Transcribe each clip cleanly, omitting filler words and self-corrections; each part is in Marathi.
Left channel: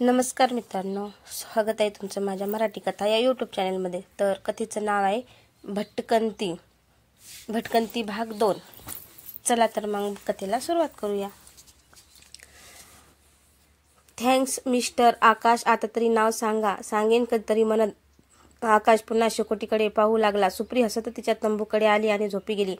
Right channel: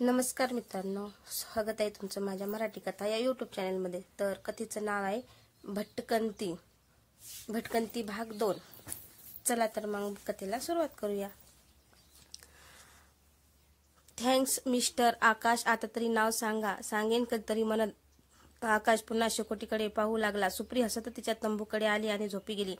नमस्कार मित्रांनो, स्वागत आहे तुमचं माझ्या मराठी कथा या यूट्यूब चॅनलमध्ये। तर कथेचं नाव आहे भटकंती भाग 2। चला तर मग कथेला सुरुवात करूया। थँक्स मिस्टर आकाश, आता तरी नाव सांगा। सांगेन कधीतरी म्हणत आकाश पुन्हा शेकोटीकडे पाहू लागला। सुप्री हसत तिच्या तंबूकडे आली आणि झोपी गेली।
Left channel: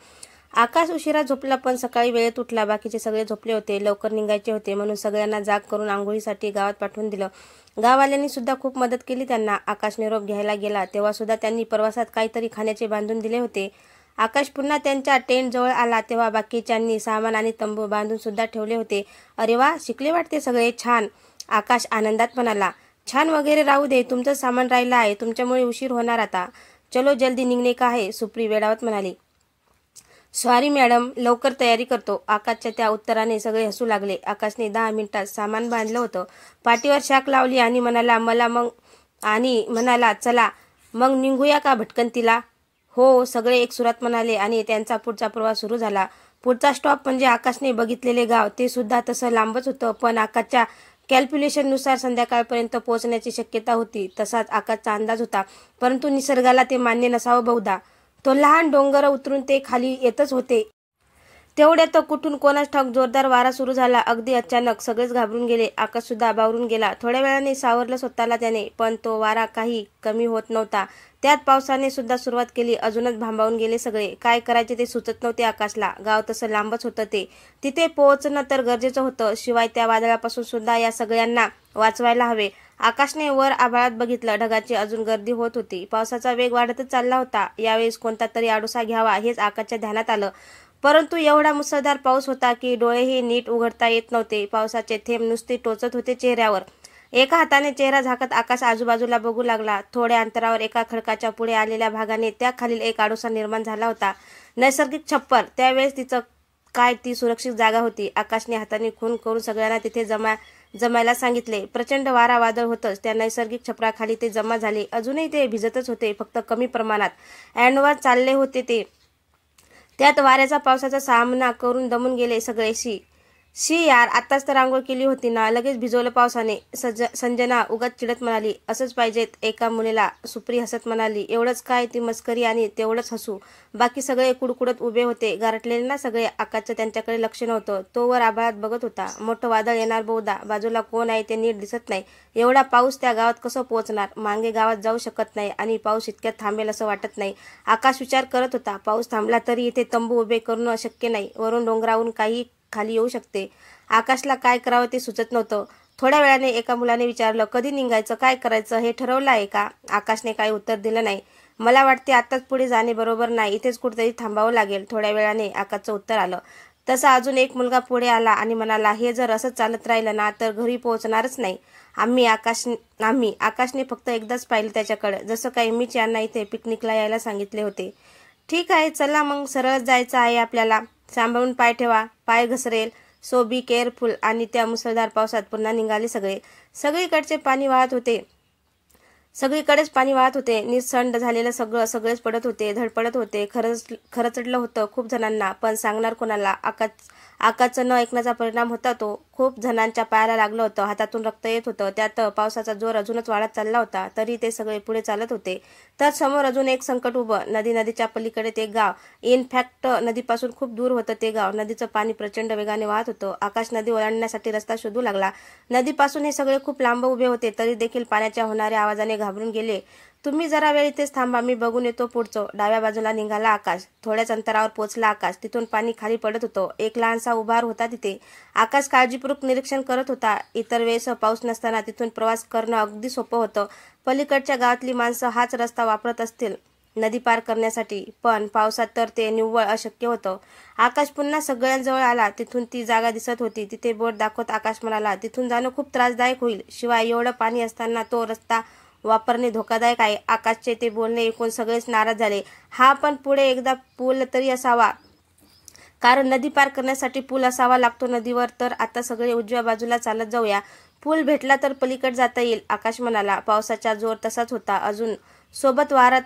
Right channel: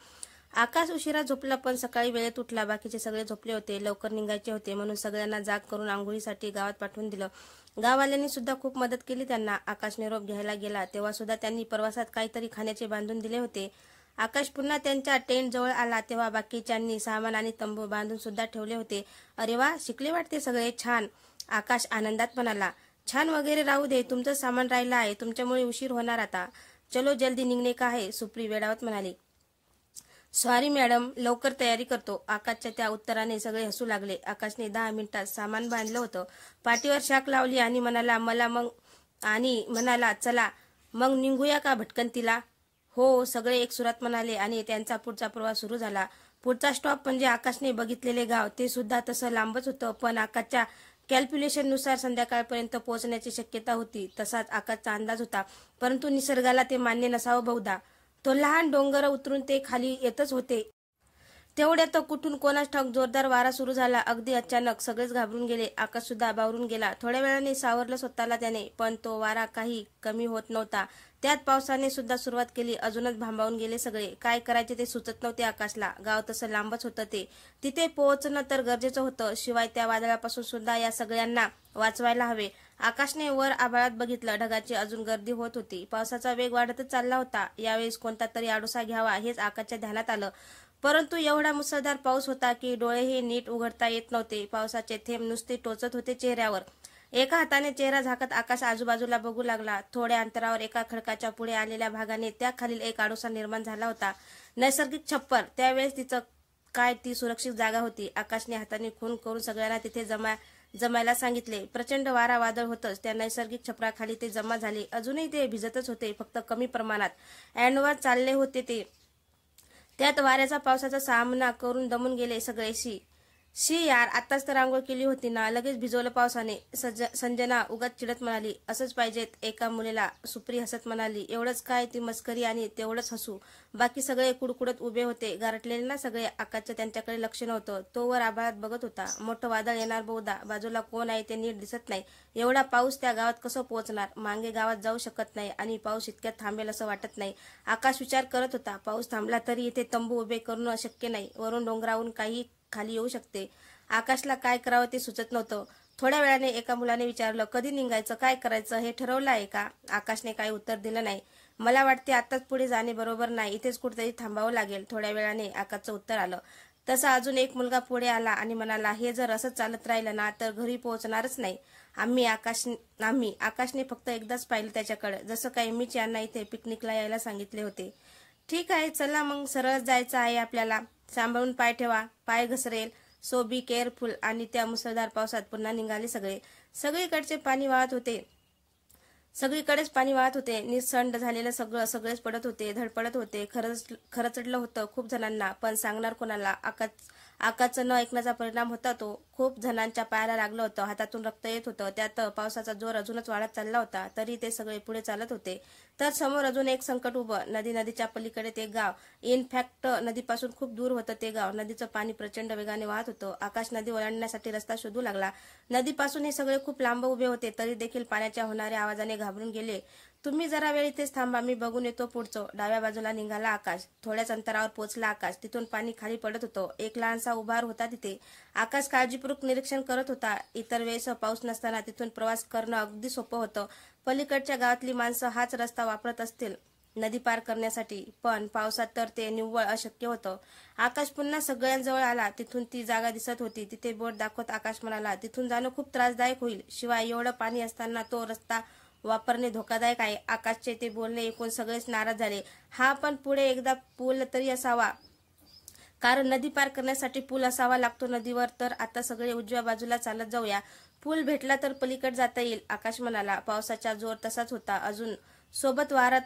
आकाश उशिरा झोपला, पण सकाळी वेळेत उठला। बाकीचे सगळे झोपले होते, लवकर निघायचे होते म्हणून सगळ्यांना जाग करून आंघोळीसाठी गावात पाठवून दिलं। गाववाल्यांनी सुद्धा खूप मदत केली त्यांना। आकाश निरोप घ्यायला गेला तेव्हा सुद्धा त्यांनी प्रवासात काहीतरी खाण्याचे बांधून दिले होते। आकाश पुन्हा त्यांच्या टेंट जवळ आला तेव्हा बाकीच्यांनी सामान आणि तंबू बांधून सुद्धा ठेवले होते। अरे वा, शिकले वाटते सगळे, छान। आकाश आनंदात म्हणाला। छान वगैरे राहू दे, तुमचं सामान राहिलं आहे, तुमच्यामुळे उशीर होणार आता। चलो जल्दी निघणे का है, सुप्री वेडावत म्हणाली। सॉरी मॅडम, लवकर तयारी करतो। आकाशच्या त्या उत्तराने सगळे हसू लागले। आकाशने 10 मिनिटात सामान बांधलं होतं, पाठीवर शाक लावली आणि म्हणाला चला मग निघूया का भटकंतीला। हो, सगळे एक सुरात म्हणाले आणि त्यांचा पुढचा प्रवास सुरू झाला। पुढचा स्टॉप म्हणजे आकाशने बघितलेले गाव। ते सुद्धा तसं लांबच होतं, पण आकाशच्या कॅल्क्युलेशननुसार संध्याकाळपर्यंत पोहोचण्याची शक्यता होती, तसाच आकाशचा अंदाज होता। परंतु निसर्गाला ते मान्य नसावं बहुधा। तो लहान डोंगर उतरून ते खाली येतच होते। तेवढ्यात कुठून कोणास ठाऊक जोरदार वारा सुरू झाला। अगदी अचानक सगळेच घाबरून गेले। आकाश सुद्धा बावरून गेला। थोड्या वेळाने सावरलं स्वतःला त्याने, पण तो वारा काही कमी होत नव्हता। त्यात पावसाने सुद्धा सुरुवात केली। अजूनच भांबावून गेले सगळे। काय करायचे ते सुचत नव्हते आकाशला। गाव तसं लांबच होतं, ते तिथे पोहोचणं तर गरजेचं होतं, शिवाय त्या वादळापासून सुद्धा या सगळ्यांना वाचवायला हवे। आकाशने वर आभाळात बघितलं, ढगाची अजून गर्दी होत होती। पावसाचा वेग वाढतच चालला होता। यावेळेस कोणता तरी आडोसा घ्यावा हेच आकाशच्या ध्यानात आलं, परंतु एवढा मुसळधार पाऊस होता की डोळेही नीट उघडता येत नव्हते। पावसाचे थेंब नुसते टोचत होते चेहऱ्यावर। एका हाताने चेहरा झाकत आकाश आजूबाजूला बघू लागला। थोड्या अंतरावर एका खडकाच्या पुढे आलेल्या भागाने त्याखालील एक आडोसा निर्माण झाला होता, नैसर्गिक छप्पर। त्यावेळेस तिचं काय ती सुरक्षित जागा होती। आकाशने हाताने खून करून सगळ्यांना तिथे जमायला सांगितले। प्रचंड वारा वादळ होतच त्या नैसर्गिक छपराखाली ते जमा झाले। अजूनही ते भिजतच होते, फक्त कमी प्रमाणात। अँडवाज चालले होते ते, त्यात वाऱ्याचा पावसाचा सामना करून दमून गेले सगळे। शी यार, आत्ताच तर आंघोळ केली होती ना, लगेच भिजवलं पावसाने। संजना उगाच चिडत म्हणाली। असंच पाहिजेत एका मुलीला, सुप्री हसत म्हणाली। एवढंच काय, ती मस्करी आणि तेवढंच हसू। बाकी सगळे कुडकुडत उभे होते, गारटलेले ना सगळे। आकाशचं त्यांच्याकडे लक्ष नव्हतं, तो वर आभाळात बघत होता। मोठं वादळ येणार बहुधा, बाजूला कोण आहे ते नीट दिसत नाही। एवढा पाऊस त्या गावात कसं पोहोचणार, मागे गावात जाऊ शकत नाही आणि पाऊस इतक्यात थांबेल असं वाटत नाही। आकाश विचार करत होता, पाऊस थांबला तरी इथे तंबू उभे करणं अशक्य नाही, वरून डोंगरावरून काही खाली येऊ शकते। आकाशला काय करावं ते सुचत नव्हतं। थोड्या वेळाने एका मुलाने विचारलं, कधी निघायचं, काय करायचं, हे ठरवलं आहे का। आकाशने काही उत्तर दिलं नाही। मला वाटते आताच पुढे जाणे बरोबर नाही, इथेच कुठेतरी थांबावं लागेल। थोड्या वेळाने आकाशचं उत्तर आलं। तसा अजून एक मुलगा पुढे आला आणि म्हणाला, हे जर असं चालत राहिलं ना तर घरी पोहोचणारच नाही आम्ही। आकाशने फक्त एकदाच पाहिलं त्याच्याकडे, जसं काही मीच यांना इथे पिकनिकला यायला सांगितले होते। ठीक आहे, चला मग सरळ जायचं आहे आपल्याला। सांभाळून पाय ठेवा, पाय घसरेल, सो बी केअरफुल। आणि त्या मुसळधार पावसात पुन्हा निघाले सगळे। सगळीकडेच पाणी वाहत होते। निसंड झालेलं सगळेच पडत होते, धडपडत होते। खरचडलं होतं खूप जणांना, पण सांगणार कोणाला। आकाशचं न ऐकण्याचा परिणाम होता तो। खूप जणांच्या पायाला लागलं होतं, हातातून रक्त येत होतं। त्यात पावसाचा जोर अजूनच वाढत चालला होता, तरी ते सगळे पुढे चालत होते। तर समोर अजून एक संकट उभं, नदीच्या पलीकडे ते गाव। इनफॅक्ट नदीपासून खूप दूर होतं ते गाव। नदीचं पाणी प्रचंड वेगाने वाहत होतं। आकाश नदी ओलांडण्यासाठी रस्ता शोधू लागला। नदीपासून हे सगळे खूप लांब उभे होते, तरी देखील पाण्याच्या होणाऱ्या आवाजाने घाबरून गेले। तुम्ही जरा वेळ इथेच थांबा, मी बघून येतो पुढचं। डाव्या बाजूला निघाला आकाश। थोड्याच अंतरावर पोहोचला आकाश, तिथून पाणी खाली पडत होतं। एक लहानसा उभार होता तिथे। आकाश काळजीपूर्वक निरीक्षण करत होता। इतर वेळेस पाऊस नसताना तिथून प्रवास करणं अगदी सोपं होतं। पलीकडच्या गावातली माणसं हाच रस्ता वापरत असतील नदी पार करण्यासाठी, पण पावसात तर ते निव्वळ अशक्य होतं। आकाश पुन्हा सगळ्यांजवळ आला। तिथून ती जागा दिसत होती, तिथे बोट दाखवत आकाश म्हणाला, तिथून जाणं खूप त्रासदायक होईल, शिवाय एवढं पाणी असताना तो रस्ता वापरणे धोकादायक आहे। आकाशचे ते बोलणे ऐकून सगळेच नाराज झाले। हा, पण पुढे एकदा पूल तरी असावा, कारण नदी पार करण्यासाठी पूल असावा लागतो नदीवर। तर आता सगळे उजव्या बाजूला चालत जाऊया, पूल भेटला तर पलीकडे जाता येईल, आकाश म्हणाला। पावसाचा जोर तसाच होता अजून, सोबत वारा।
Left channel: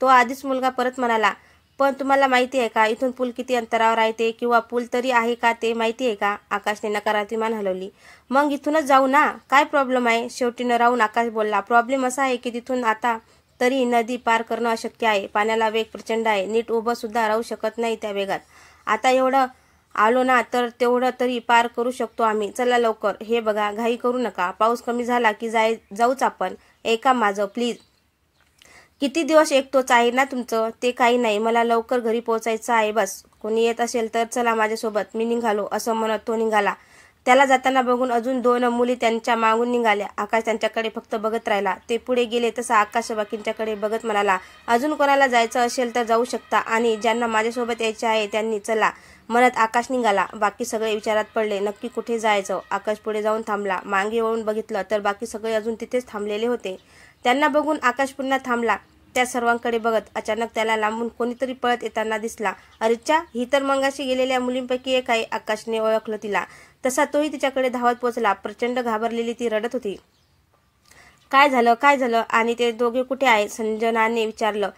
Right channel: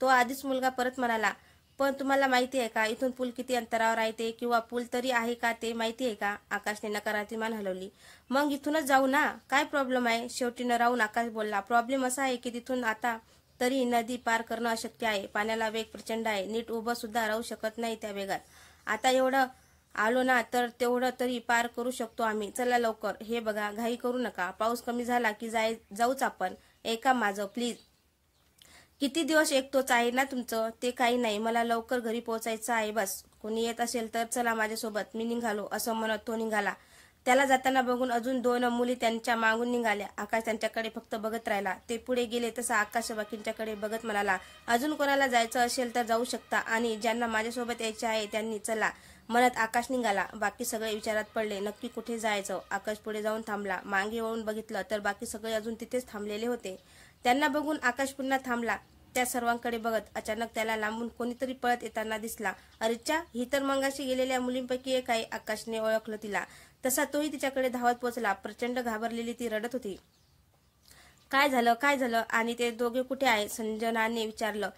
तो आधीच मुलगा परत म्हणाला, पण तुम्हाला माहिती आहे का इथून पूल किती अंतरावर आहे ते, किंवा पूल तरी आहे का ते माहिती आहे का? आकाशने नकारार्थी मान हलवली. मग इथूनच जाऊ ना, काय प्रॉब्लेम आहे? शेवटी न राहून आकाश बोलला. प्रॉब्लेम असा आहे की तिथून आता तरी नदी पार करणं अशक्य आहे. पाण्याला वेग प्रचंड आहे. नीट उभं सुद्धा राहू शकत नाही त्या वेगात. आता एवढं आलो ना तर तेवढं तरी पार करू शकतो आम्ही. चला लवकर. हे बघा, घाई करू नका. पाऊस कमी झाला की जाऊच आपण. ऐका माझं प्लीज. किती दिवस एकटोच आहे ना तुमचं? ते काही नाही, मला लवकर घरी पोहोचायचं आहे बस. कोणी येत असेल तर चला माझ्यासोबत, मी निघालो, असं म्हणत तो निघाला. त्याला जाताना बघून अजून 2 मुली त्यांच्या मागून निघाल्या. आकाश त्यांच्याकडे फक्त बघत राहिला. ते पुढे गेले तसा आकाश बाकींच्याकडे बघत म्हणाला, अजून कोणाला जायचं असेल तर जाऊ शकता, आणि ज्यांना माझ्यासोबत यायचे आहे त्यांनी चला, म्हणत आकाश निघाला. बाकी सगळे विचारात पडले, नक्की कुठे जायचं? आकाश पुढे जाऊन थांबला. मागे वळून बघितलं तर बाकी सगळे अजून तिथेच थांबलेले होते. त्यांना बघून आकाश पुन्हा थांबला. त्या सर्वांकडे बघत अचानक त्याला लांबून कोणीतरी पळत येताना दिसला. अरेच्चा, ही तर मगाशी गेलेल्या मुलींपैकी एक आहे. आकाशने ओळखलं तिला. तसा तोही तिच्याकडे धावत पोहोचला. प्रचंड घाबरलेली ती रडत होती. काय झालं, काय झालं, आणि ते दोघे कुठे आहेत? संजनाने विचारलं.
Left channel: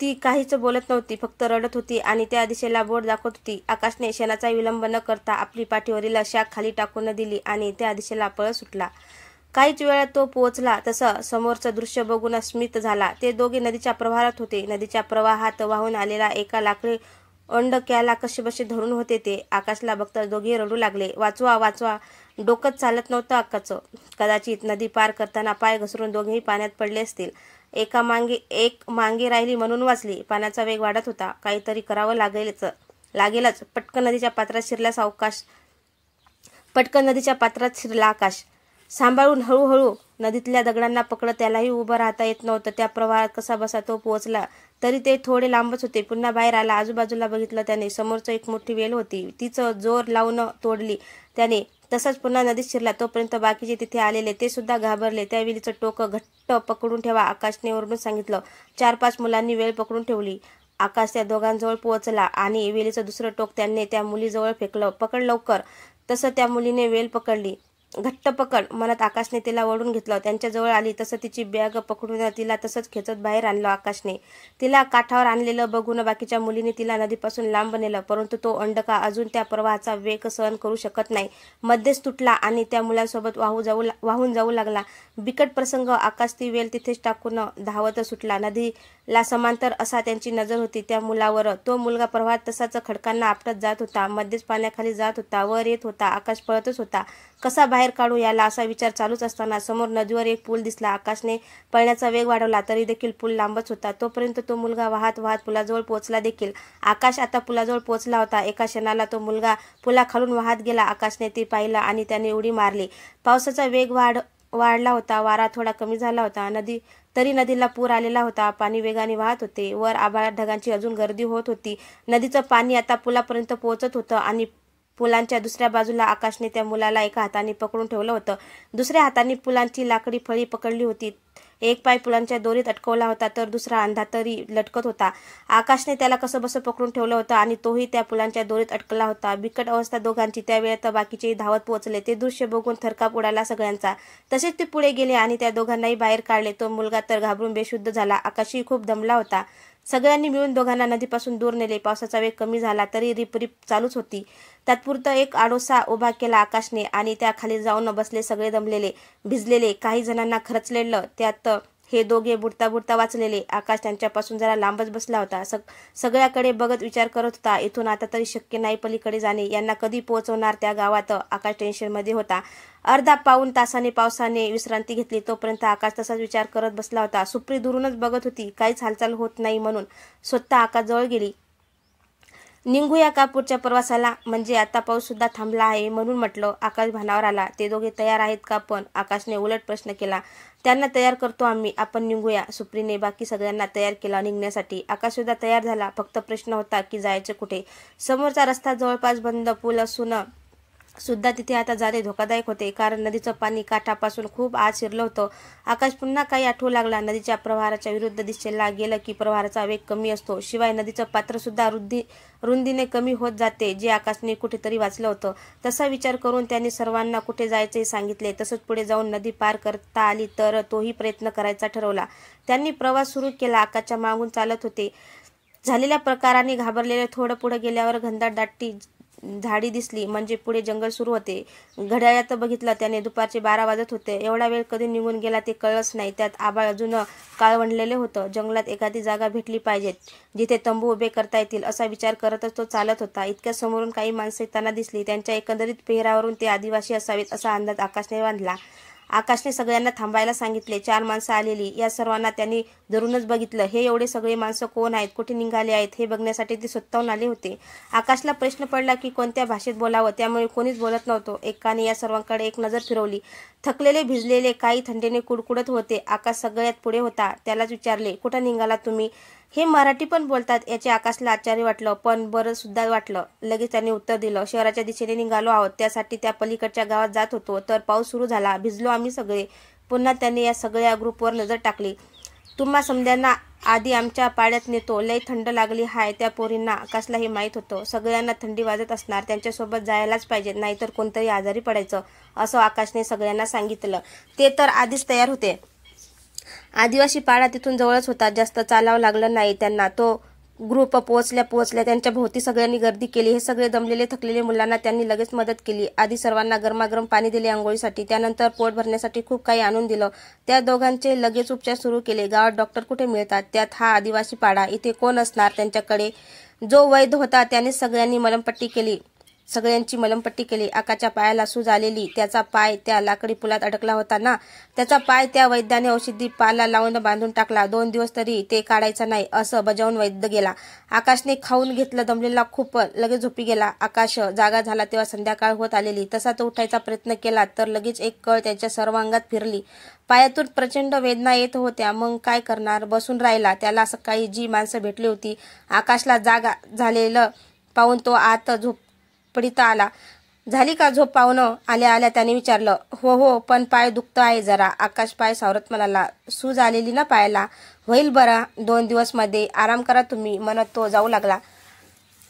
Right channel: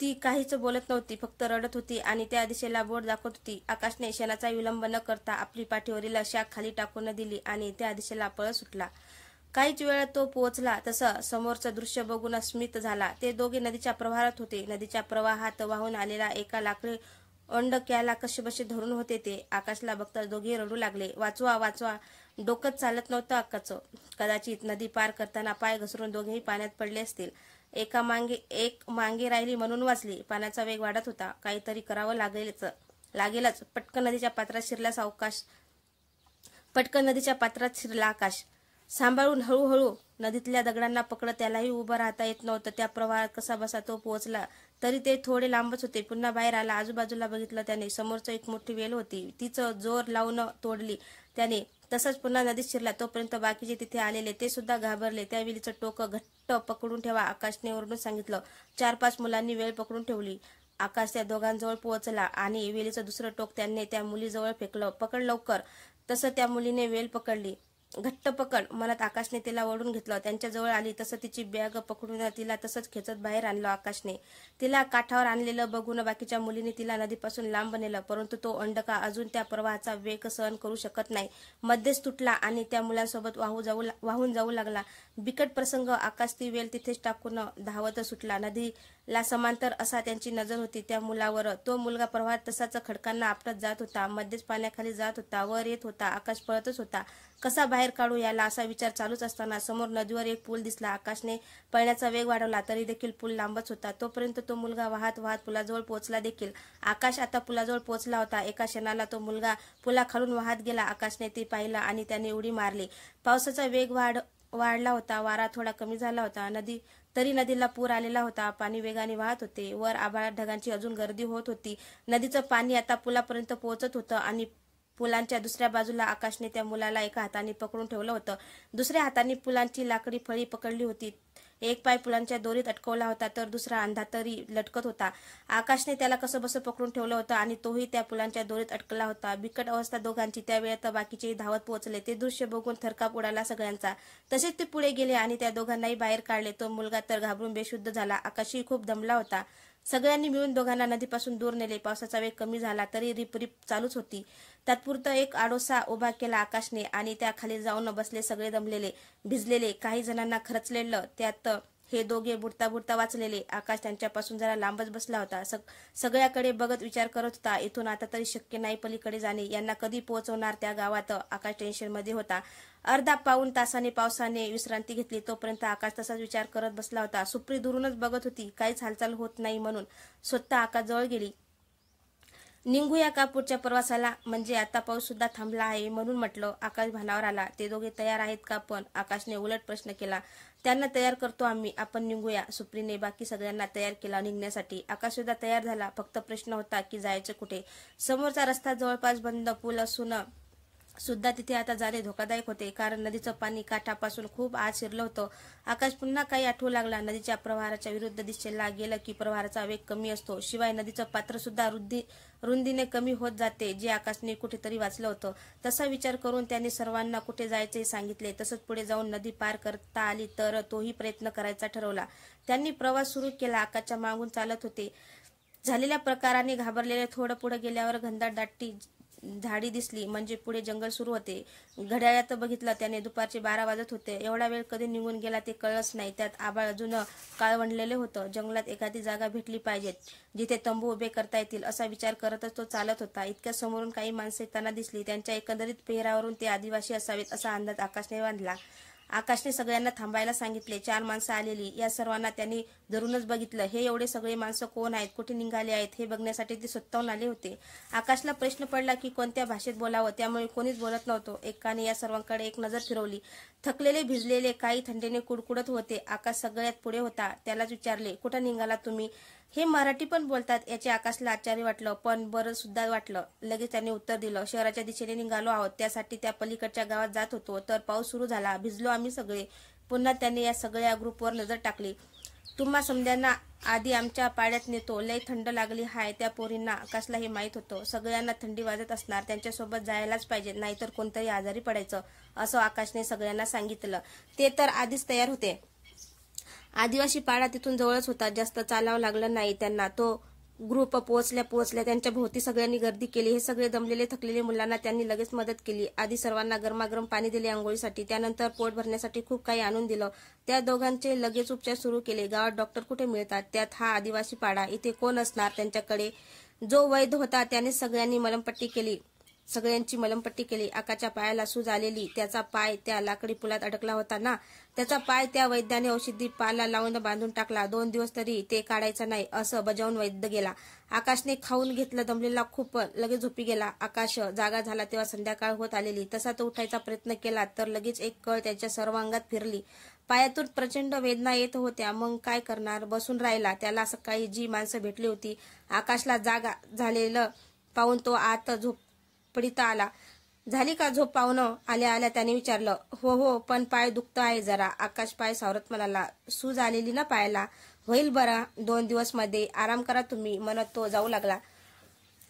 ती काहीच बोलत नव्हती, फक्त रडत होती आणि त्या दिशेला बोट दाखवत होती. आकाशने क्षणाचा विलंब न करता आपली पाठीवरील शाख खाली टाकून दिली आणि त्या दिशेला पळत सुटला. काहीच वेळात तो पोहोचला. तसं समोरचं दृश्य बघून स्मित झाला. ते दोघे नदीच्या प्रवाहात होते. नदीच्या प्रवाहात वाहून आलेला एका लाकडी ओंडक्याला कसेबसे धरून होते ते. आकाशला बघताच दोघे रडू लागले. वाचवा, वाचवा. डोकंच चालत नव्हतं आकाशचं. कदाचित नदी पार करताना पाय घसरून दोघेही पाण्यात पडले असतील. एक मागे राहिली म्हणून वाचली. पाण्याचा वेग वाढत होता. काहीतरी करावं लागेलच. पटकन नदीच्या पात्रात शिरला आकाश. सांभाळून, हळूहळू. नदीतल्या दगडांना पकडत त्यालाही उभं राहता येत नव्हतं. त्या प्रवाहात कसाबसा तो पोहोचला. तरी ते थोडे लांबच होते. पुन्हा बाहेर आला. आजूबाजूला बघितलं त्याने. समोरच एक मोठी वेल होती. तीच जोर लावून तोडली त्याने. तसंच पुन्हा नदीत शिरला. तोपर्यंत बाकीचे तिथे आलेले ते सुद्धा घाबरले. त्या वेलीचं टोक घट्ट पकडून ठेवा, आकाशने ओरडून सांगितलं. 4-5 मुलांनी वेल पकडून ठेवली. आकाश त्या दोघांजवळ पोहोचला आणि वेलीचं दुसरं टोक त्याने त्या मुलीजवळ फेकलं. पकड लवकर. तसं त्या मुलीने वेल पकडली. घट्ट पकड, म्हणत आकाशने तिला ओढून घेतलं. त्यांच्याजवळ आली तसं तिची बॅग पकडून तिला तसंच खेचत बाहेर आणलं आकाशने. तिला काठावर आणलेलं बघून बाकीच्या मुलीने तिला नदीपासून लांब नेलं. परंतु तो अंडका अजून त्या प्रवाहाचा वेग सहन करू शकत नाही. मध्येच तुटला आणि त्या मुलांसोबत वाहून जाऊ लागला. बिकट प्रसंग. आकाश ती वेल तिथेच टाकून धावत सुटला. नदीला समांतर असा त्यांची नजर होती त्या मुलावर. तो मुलगा प्रवाहात तसाच खडकांना आपटत जात होता. मध्येच पाण्याखाली जात होता, वर येत होता. आकाश पळतच होता. कसा बाहेर काढू याला, असा विचार चालूच असताना समोर नदीवर एक पूल दिसला. आकाशने पळण्याचा वेग वाढवला तरी देखील पूल लांबच होता. तोपर्यंत तो मुलगा वाहत वाहत पुलाजवळ पोहोचला देखील. आकाश आता पुलाजवळ पोहोचला होता. एका क्षणाला तो मुलगा पुलाखालून वाहत गेला. आकाशने ते पाहिलं आणि त्याने उडी मारली. पावसाचा वेग वाढला होता. वारा थोडा कमी झाला होता. तरी नदीला पूर आलेला होता. पाणी वेगाने वाहत होते. वर आभाळात ढगांची अजून गर्दी होत होती. नदीचं पाणी आता पुलापर्यंत पोहोचत होतं आणि पुलांच्या दुसऱ्या बाजूला आकाशने त्या मुलाला एका हाताने पकडून ठेवलं होतं. दुसऱ्या हाताने पुलांची लाकडी फळी पकडली होती. एक पाय पुलांच्या दोरीत अटकवला होता तर दुसरा अंधातरी लटकत होता. आकाशने त्याला कसंबसं पकडून ठेवलं होतं आणि तोही त्या पुलांच्या दोरीत अटकला होता. बिकट अवस्था दोघांची. त्या वेळेत बाकीचेही धावत पोहोचले. ते दृश्य बघून थरकाप उडाला सगळ्यांचा. तसेच ते पुढे गेले आणि त्या दोघांनाही बाहेर काढले. तो मुलगा तर घाबरून बेशुद्ध झाला. आकाशही खूप दमला होता. सगळ्यांनी मिळून दोघांना नदीपासून दूर नेले. पावसाचा वेग कमी झाला तरी रिपरिप चालूच होती. तात्पुरता एक आडोसा उभा केला आकाशने आणि त्या खाली जाऊन बसले सगळे दमलेले, भिजलेले, काही जणांना खरचलेलं. त्यात हे दोघे बुडता बुडता वाचलेले. आकाश त्यांच्यापासून जरा लांबच बसला होता. सगळ्याकडे बघत विचार करत होता. इथून आता तरी शक्य नाही पलीकडे जाणे. यांना कधी पोहोचवणार त्या गावात? आकाश टेन्शनमध्ये होता. अर्धा पाऊण तासाने पावसाने विश्रांती घेतली. तोपर्यंत आकाश तसाच विचार करत बसला होता. सुप्री दुरूनच बघत होती. काहीच हालचाल होत नाही म्हणून स्वतः आकाश जवळ गेली. निघूया का पुढच्या प्रवासाला? म्हणजे आता पाऊस सुद्धा थांबला आहे म्हणून म्हटलं. आकाश भानावर आला. ते दोघे तयार आहेत का पण? आकाशने उलट प्रश्न केला. त्यांना तयार करतो आम्ही, आपण निघूया. सुप्रीने बाकी सगळ्यांना तयार केलं निघण्यासाठी. आकाश सुद्धा तयार झाला. फक्त प्रश्न होता की जायचं कुठे? समोरचा रस्ता जवळपास बंद. पूल असून सुद्धा तिथे आता जाणे धोकादायक होते, कारण नदीचं पाणी काठापासून खूप आत शिरलं होतं. आकाश पुन्हा काही आठवू लागला. नदीच्या प्रवाहाच्या विरुद्ध दिशेला गेलं की प्रवाहाचा वेग कमी असतो. शिवाय नदीचं पात्र सुद्धा रुंदीने कमी होत जाते, जे आकाशने कुठेतरी वाचलं होतं. तसा विचार करून त्यांनी सर्वांना कुठे जायचे सांगितले. तसंच पुढे जाऊन नदी पार करता आली तर तोही प्रयत्न करायचा ठरवला. त्यांनी प्रवास सुरू केला. आकाशच्या मागून चालत होते. झालेल्या प्रकाराने घाबरलेले थोडं पुढे गेल्यावर घनदाट दाटी झाडी दिसली, म्हणजे पुढे जंगल सुरू होते. घड्याळात बघितलं त्याने, दुपारचे 12 वाजत होते. एवढा वेळ कधी निघून गेला ते कळलंच नाही. त्यात आभाळ अजून काळवंडलेले होतं. जंगलात एखादी जागा भेटली पाहिजेत जिथे तंबू उभे करता येतील असा विचार करतच तो चालत होता. इतक्या समोरून काही माणसं येताना दिसली. त्यांच्या एकंदरीत पेहरावरून ते आदिवासी असावेत असा अंदाज आकाशने बांधला. आकाशने सगळ्यांना थांबायला सांगितले. 4 माणसं आलेली. या सर्वांना त्यांनी धरूनच बघितलं. हे एवढे सगळे माणसं कोण आहेत, कुठे निघाले आहेत हे बघण्यासाठी ते स्वतःहून आले होते. आकाशला प्रश्न पडला की कोणत्या भाषेत बोलावं, त्यामुळे कोणीच बोलत नव्हतं. एकाने या सर्वांकडे एक नजर फिरवली. थकलेले, भिजलेले, काही थंडीने कुडकुडत होते. आकाश सगळ्यात पुढे होता. त्यालाच विचारले, कुठं निघाला तुम्ही? हे मराठी पण बोलतात याचे आकाशला आश्चर्य वाटलं, पण बरं सुद्धा वाटलं. लगेच त्यांनी उत्तर दिलं, शहराच्या दिशेने निघालो आहोत, त्यासाठी त्या पलीकडच्या गावात जात होतो तर पाऊस सुरू झाला, भिजलो आम्ही सगळे. पुन्हा त्यांनी या सगळ्या ग्रुपवर नजर टाकली. तुम्हा समद्यांना आधी आमच्या पाड्यात नेतो, लय थंड लागली हाय त्या पोरींना. आकाशला हे माहीत होतं. सगळ्यांना थंडी वाजत असणार, त्यांच्यासोबत जायलाच पाहिजे, नाहीतर कोणतरी आजारी पडायचं असं आकाशने सगळ्यांना सांगितलं. ते तर आधीच तयार होते. आदिवासी पाडा तिथून जवळच होता. जास्त चालावं लागलं नाही त्यांना. तो ग्रुप पोहोचल्या त्यांच्या भोवती सगळ्यांनी गर्दी केली. हे सगळे दमलेले थकलेले मुलांना त्यांनी लगेच मदत केली. आधी सर्वांना गरमागरम पाणी दिले आंघोळीसाठी, त्यानंतर पोट भरण्यासाठी खूप काही आणून दिलं. त्या दोघांचे लगेच उपचार सुरू केले. गावात डॉक्टर कुठे मिळतात, त्यात हा आदिवासी पाडा, इथे कोण असणार त्यांच्याकडे? जो वैद्य होता त्याने सगळ्यांची मलमपट्टी केली. आकाच्या पायाला सूज आलेली. त्याचा पाय त्या लाकडी पुलात अडकला होता ना, त्याचा पाय त्या वैद्याने औषधी पाला लावून बांधून टाकला. 2 दिवस तरी ते काढायचा नाही असं बजावून वैद्य गेला. आकाशने खाऊन घेतलं, दमलेला खूप, लगेच झोपी गेला. आकाश जागा झाला तेव्हा संध्याकाळ होत आलेली. तसा तो उठायचा प्रयत्न केला तर लगेच एक कळ त्याच्या सर्व अंगात फिरली. पायातून प्रचंड वेदना येत होत्या. मग काय करणार? बसून राहिला. त्याला सकाळी जी माणसं भेटली होती, आकाशला जागा झालेलं पाहून तो आत झोपडीत आला. झाली का झोप पाहुणं? आल्या आल्या त्याने विचारलं. हो, पण पाय दुखत आहे जरा. आकाश पाय सावरत म्हणाला. सूज आलेली ना पायाला? होईल बरा 2 दिवस मध्ये, आराम करा तुम्ही म्हणत तो जाऊ लागला.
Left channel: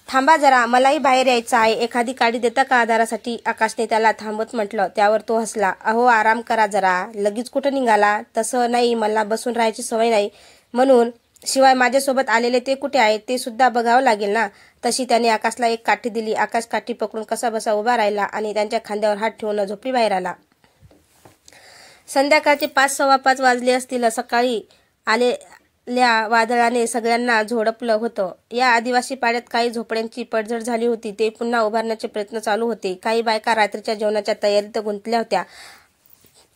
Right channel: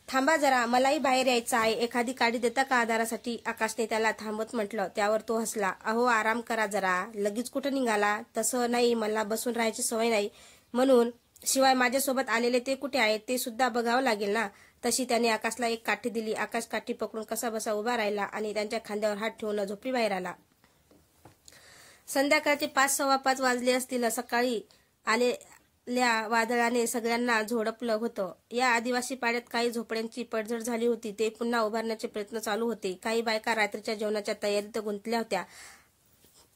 थांबा जरा, मलाही बाहेर यायचं आहे, एखादी काडी देता का आधारासाठी? आकाशने त्याला थांबवत म्हटलं. त्यावर तो हसला. अहो आराम करा जरा, लगेच कुठं निघाला? तसं नाही, मला बसून राहायची सवय नाही म्हणून. शिवाय माझ्यासोबत आलेले ते कुठे आहेत ते सुद्धा बघावं लागेल ना. तशी त्याने आकाशला एक काठी दिली. आकाश काठी पकडून कसा बसा उभा राहिला आणि त्यांच्या खांद्यावर हात ठेवून झोपडी बाहेर आला. संध्याकाळचे 5:15 वाजले असतील. सकाळी आलेल्या वादळाने सगळ्यांना झोडपलं होतं. या आदिवासी पाड्यात काही झोपड्यांची पडझड झाली होती. ते पुन्हा उभारण्याचे प्रयत्न चालू होते. काही बायका रात्रीच्या जेवणाच्या तयारीत गुंतल्या होत्या.